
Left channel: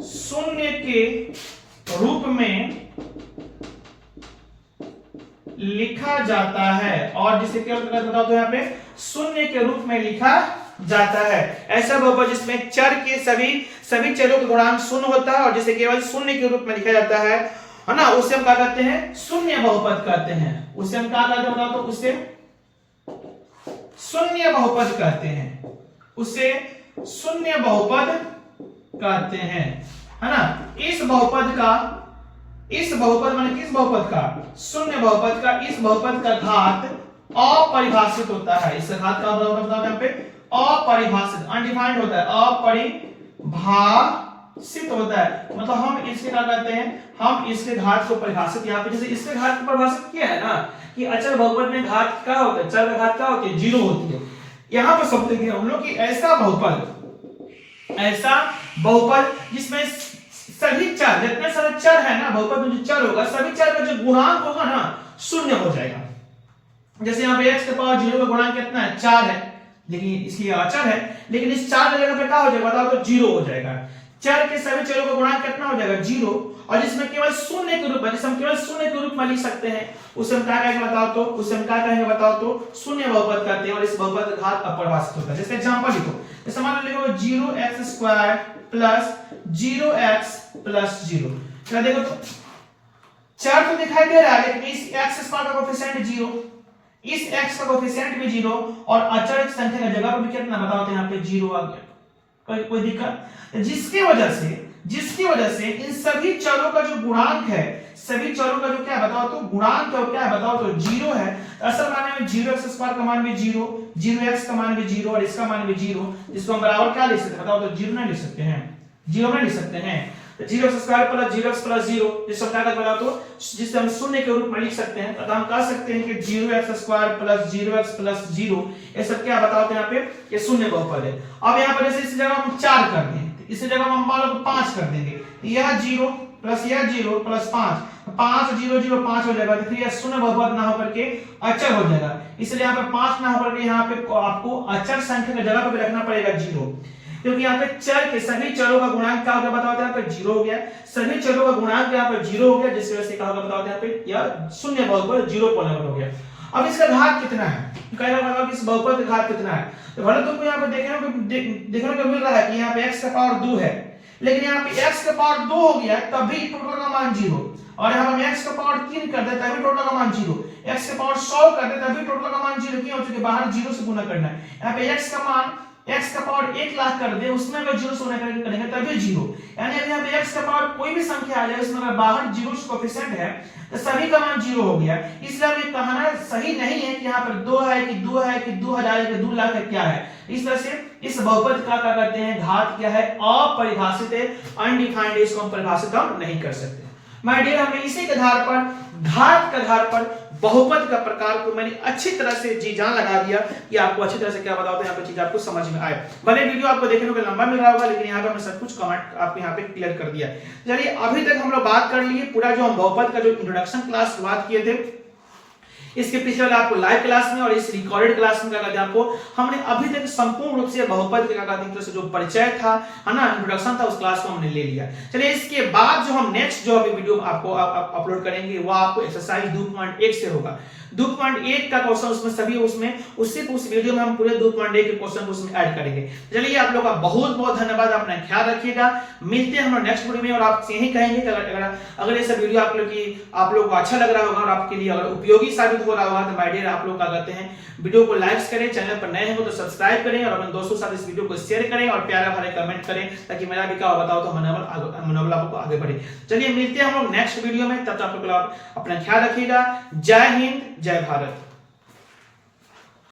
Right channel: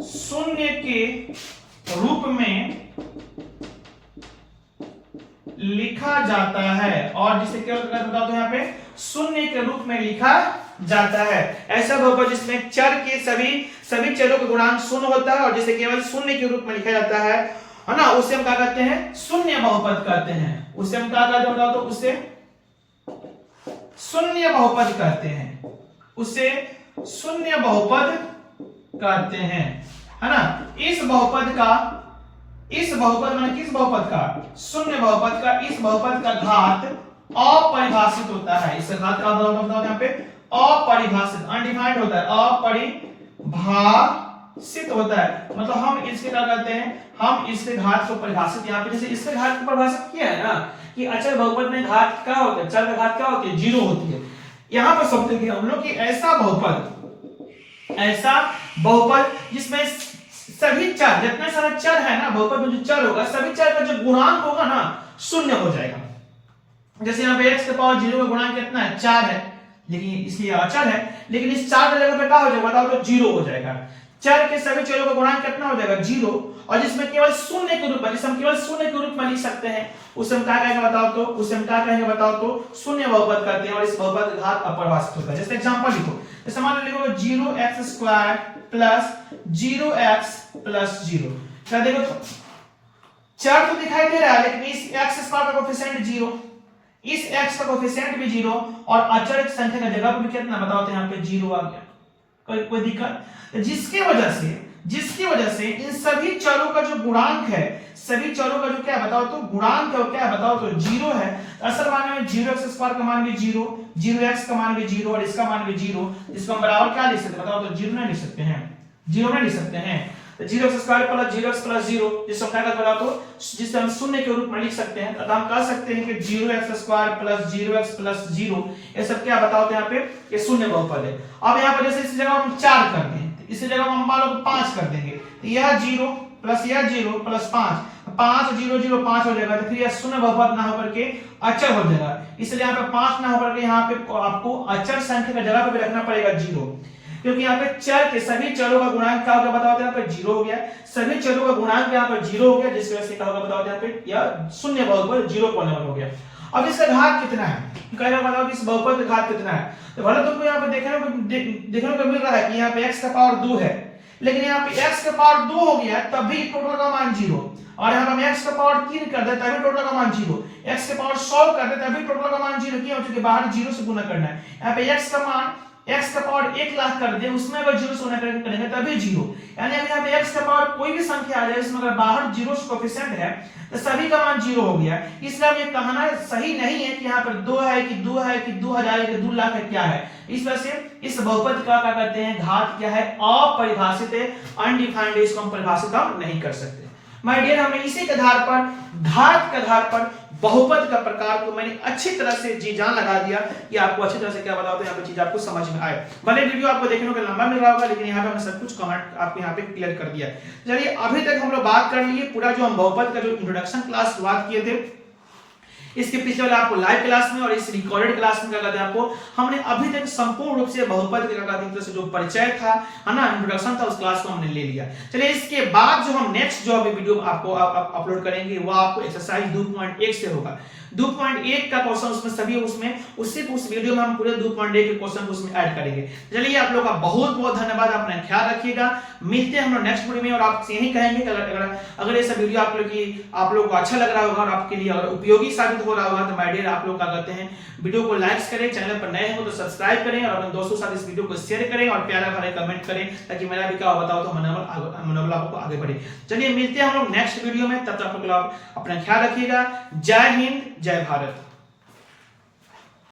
शून्य के रूप में लिखा जाता है और जिसे केवल बताओ तो यहाँ पे शून्य के रूप में लिखा जाता है। ऐसा बहुपद जिसमें चर के सभी चरों का गुणांक शून्य होता है और जिसे केवल शून्य के रूप में लिखा जाता है ना, उसे हम क्या कहते हैं शून्य बहुपद कहते हैं। उसे हम क्या कहते हैं बताओ तो उसे शून्य बहुपद कहते हैं। उसे शून्य बहुपद कहते हैं, है ना। इस बहुपद माने किस बहुपद का शून्य बहुपद का इस बहुपद का घात अपरिभाषित होता है। इस घात का मतलब यहाँ पे अपरिभाषित अनडिफाइंड होता है, अपरिभाषित होता है। मतलब हम इसके क्या कहते हैं हम इसके घात को परिभाषित यहाँ पे जैसे इसके घात को परिभाषित किया है ना कि अचर बहुपद में घात क्या होता है चर का घात क्या होती है 0 होती है। यहाँ पर समझेंगे हम लोग कि ऐसा बहुपद जिसमें सभी चर जितने सारे चर है ना बहुपद में जो चर होगा सभी चर का जो गुणांक होगा ना शून्य हो जाएगा। जैसे यहाँ पे x के पावर 0 का गुणांक कितना है 4 है, लेकिन इसलिए अचर है लेकिन इस 4 की जगह पे क्या हो जाएगा बताओ तो 0 हो जाएगा। चर के सभी चरों का गुणांक कितना हो जाएगा 0 और जिसमें केवल शून्य के रूप में जिसे हम केवल शून्य के रूप में लिख सकते हैं उसे हम क्या कहेंगे बताओ तो शून्य बहुपद कहते हैं और इस बहुपद का घात अपरिभाषित होता है। जैसे एग्जांपल लिखो, जैसे मान लो लिखोगे 0x² प्लस 0x प्लस 0। क्या देखो तो चर तो दिखाई दे रहा है लेकिन इस x² का कोएफिशिएंट 0, इस x का कोएफिशिएंट भी 0 और अचर संख्या की जगह पर भी कितना बताओ तो यहाँ पे 0 आ गया। कोई दिक्कत? जिसकी वजह से इन सभी चरों का जो गुणांक है सभी चरों का जो क्या बताओ तो गुणांक है क्या बताओ तो 0 है। असल माने में 0x² का मान भी 0, 0x का मान भी 0 और इसका मान भी 0, जिसको हम बराबर क्या लिख सकते हैं बताओ तो 0 नहीं लिख सकते हैं, 0 नहीं लिख सकते हैं। तो 0x² प्लस 0x प्लस 0 जिसको क्या कहते हैं तो जिसे हम शून्य के रूप में लिख सकते हैं। तो हम कह सकते हैं कि 0x² प्लस 0x प्लस 0 ये सब क्या बताओ तो यहाँ पे ये शून्य बहुपद है। अब यहाँ पर जैसे इस जगह हम 4 कर दें इसी जगह हम मान लो 5 कर देंगे, यह 0 प्लस यह 0 प्लस 5 0 0 5 हो जाएगा। तो फिर यह शून्य बहुपद ना होकर के अचर हो जाएगा, इसलिए यहाँ पे 5 ना होकर के यहाँ पे आपको अचर संख्या की जगह पे भी रखना पड़ेगा 0, क्योंकि यहाँ पे चर के सभी चरों का गुणांक क्या होगा बताओ यहाँ पे 0 हो गया। सभी चरों का गुणांक यहाँ पे 0 हो गया जिसकी वजह से क्या होगा बताओ यहाँ पे यह शून्य बहुपद 0 हो गया। अब इसका घात कितना है कहेगा बताओ कि इस बहुपद का घात कितना है। तो भले तुमको यहाँ पे देखने को मिल रहा है कि यहाँ पे x का पावर 2 है लेकिन यहाँ पे x का पावर 2 हो गया तभी टोटल का मान 0 और यहाँ हम x का पावर 3 कर दे तभी टोटल का मान 0, x के पावर 100 कर दे तभी टोटल का मान 0 क्यों क्योंकि बाहर 0 से गुना करना है। यहाँ पे x का पावर 1 लाख कर दे उसमें अगर 0 से गुना करेंगे तभी 0, यानी अगर यहाँ पे x का पावर कोई भी संख्या आ जाए उसमें अगर बाहर 0 कोएफिशिएंट है तो सभी का मान 0 हो गया। इसलिए अब ये कहना सही नहीं है कि यहाँ पर 2 है कि 2000 है कि 2 लाख है क्या है। इस वजह से इस बहुपद का क्या करते हैं घात क्या है अपरिभाषित है, अनडिफाइंड है, इसको हम परिभाषित हम नहीं कर सकते। माय डियर हमने इसी के आधार पर घात के आधार पर बहुपद का प्रकार को मैंने अच्छी तरह से जी जान लगा दिया कि आपको अच्छी तरह से क्या बताओ तो यहाँ पे चीज आपको समझ में आए। भले वीडियो आपको देखने को लंबा मिल रहा होगा लेकिन यहाँ पे हमने सब कुछ कमेंट आपको यहाँ पे क्लियर कर दिया। चलिए अभी तक हम लोग बात कर लिए पूरा जो हम बहुपद का जो इंट्रोडक्शन क्लास शुरुआत किए थे इसके पिछले वाले आपको लाइव क्लास में और इस रिकॉर्डेड क्लास में क्या कहते हैं आपको हमने अभी तक संपूर्ण रूप से बहुपद के क्या कहते हैं जो परिचय था है ना इंट्रोडक्शन था उस क्लास को हमने ले लिया। चलिए इसके बाद जो हम नेक्स्ट जो अभी वीडियो आपको अपलोड करेंगे वो आपको एक्सरसाइज 2.1 से होगा। 2.1 का क्वेश्चन उसमें सभी उस वीडियो में हम पूरे 2.1 के क्वेश्चन उसमें ऐड करेंगे। चलिए आप लोग का बहुत बहुत धन्यवाद, अपना ख्याल रखिएगा, मिलते हैं हम लोग नेक्स्ट वीडियो में। और आप यही कहेंगे कि अगर ये सब वीडियो आप लोग को अच्छा लग रहा होगा और आपके लिए अगर उपयोगी साबित हो रहा होगा तो माय डियर आप लोग क्या करते हैं वीडियो को लाइक करें, चैनल पर नए हैं तो सब्सक्राइब करें और अपने दोस्तों के साथ इस वीडियो को शेयर करें और प्यारा भरे कमेंट करें ताकि मेरा भी क्या बताओ तो मनोबल आपको आगे बढ़े। चलिए मिलते हैं हम लोग नेक्स्ट वीडियो में, तब तक आप लोग अपना ख्याल रखिएगा। जय हिंद, जय भारत।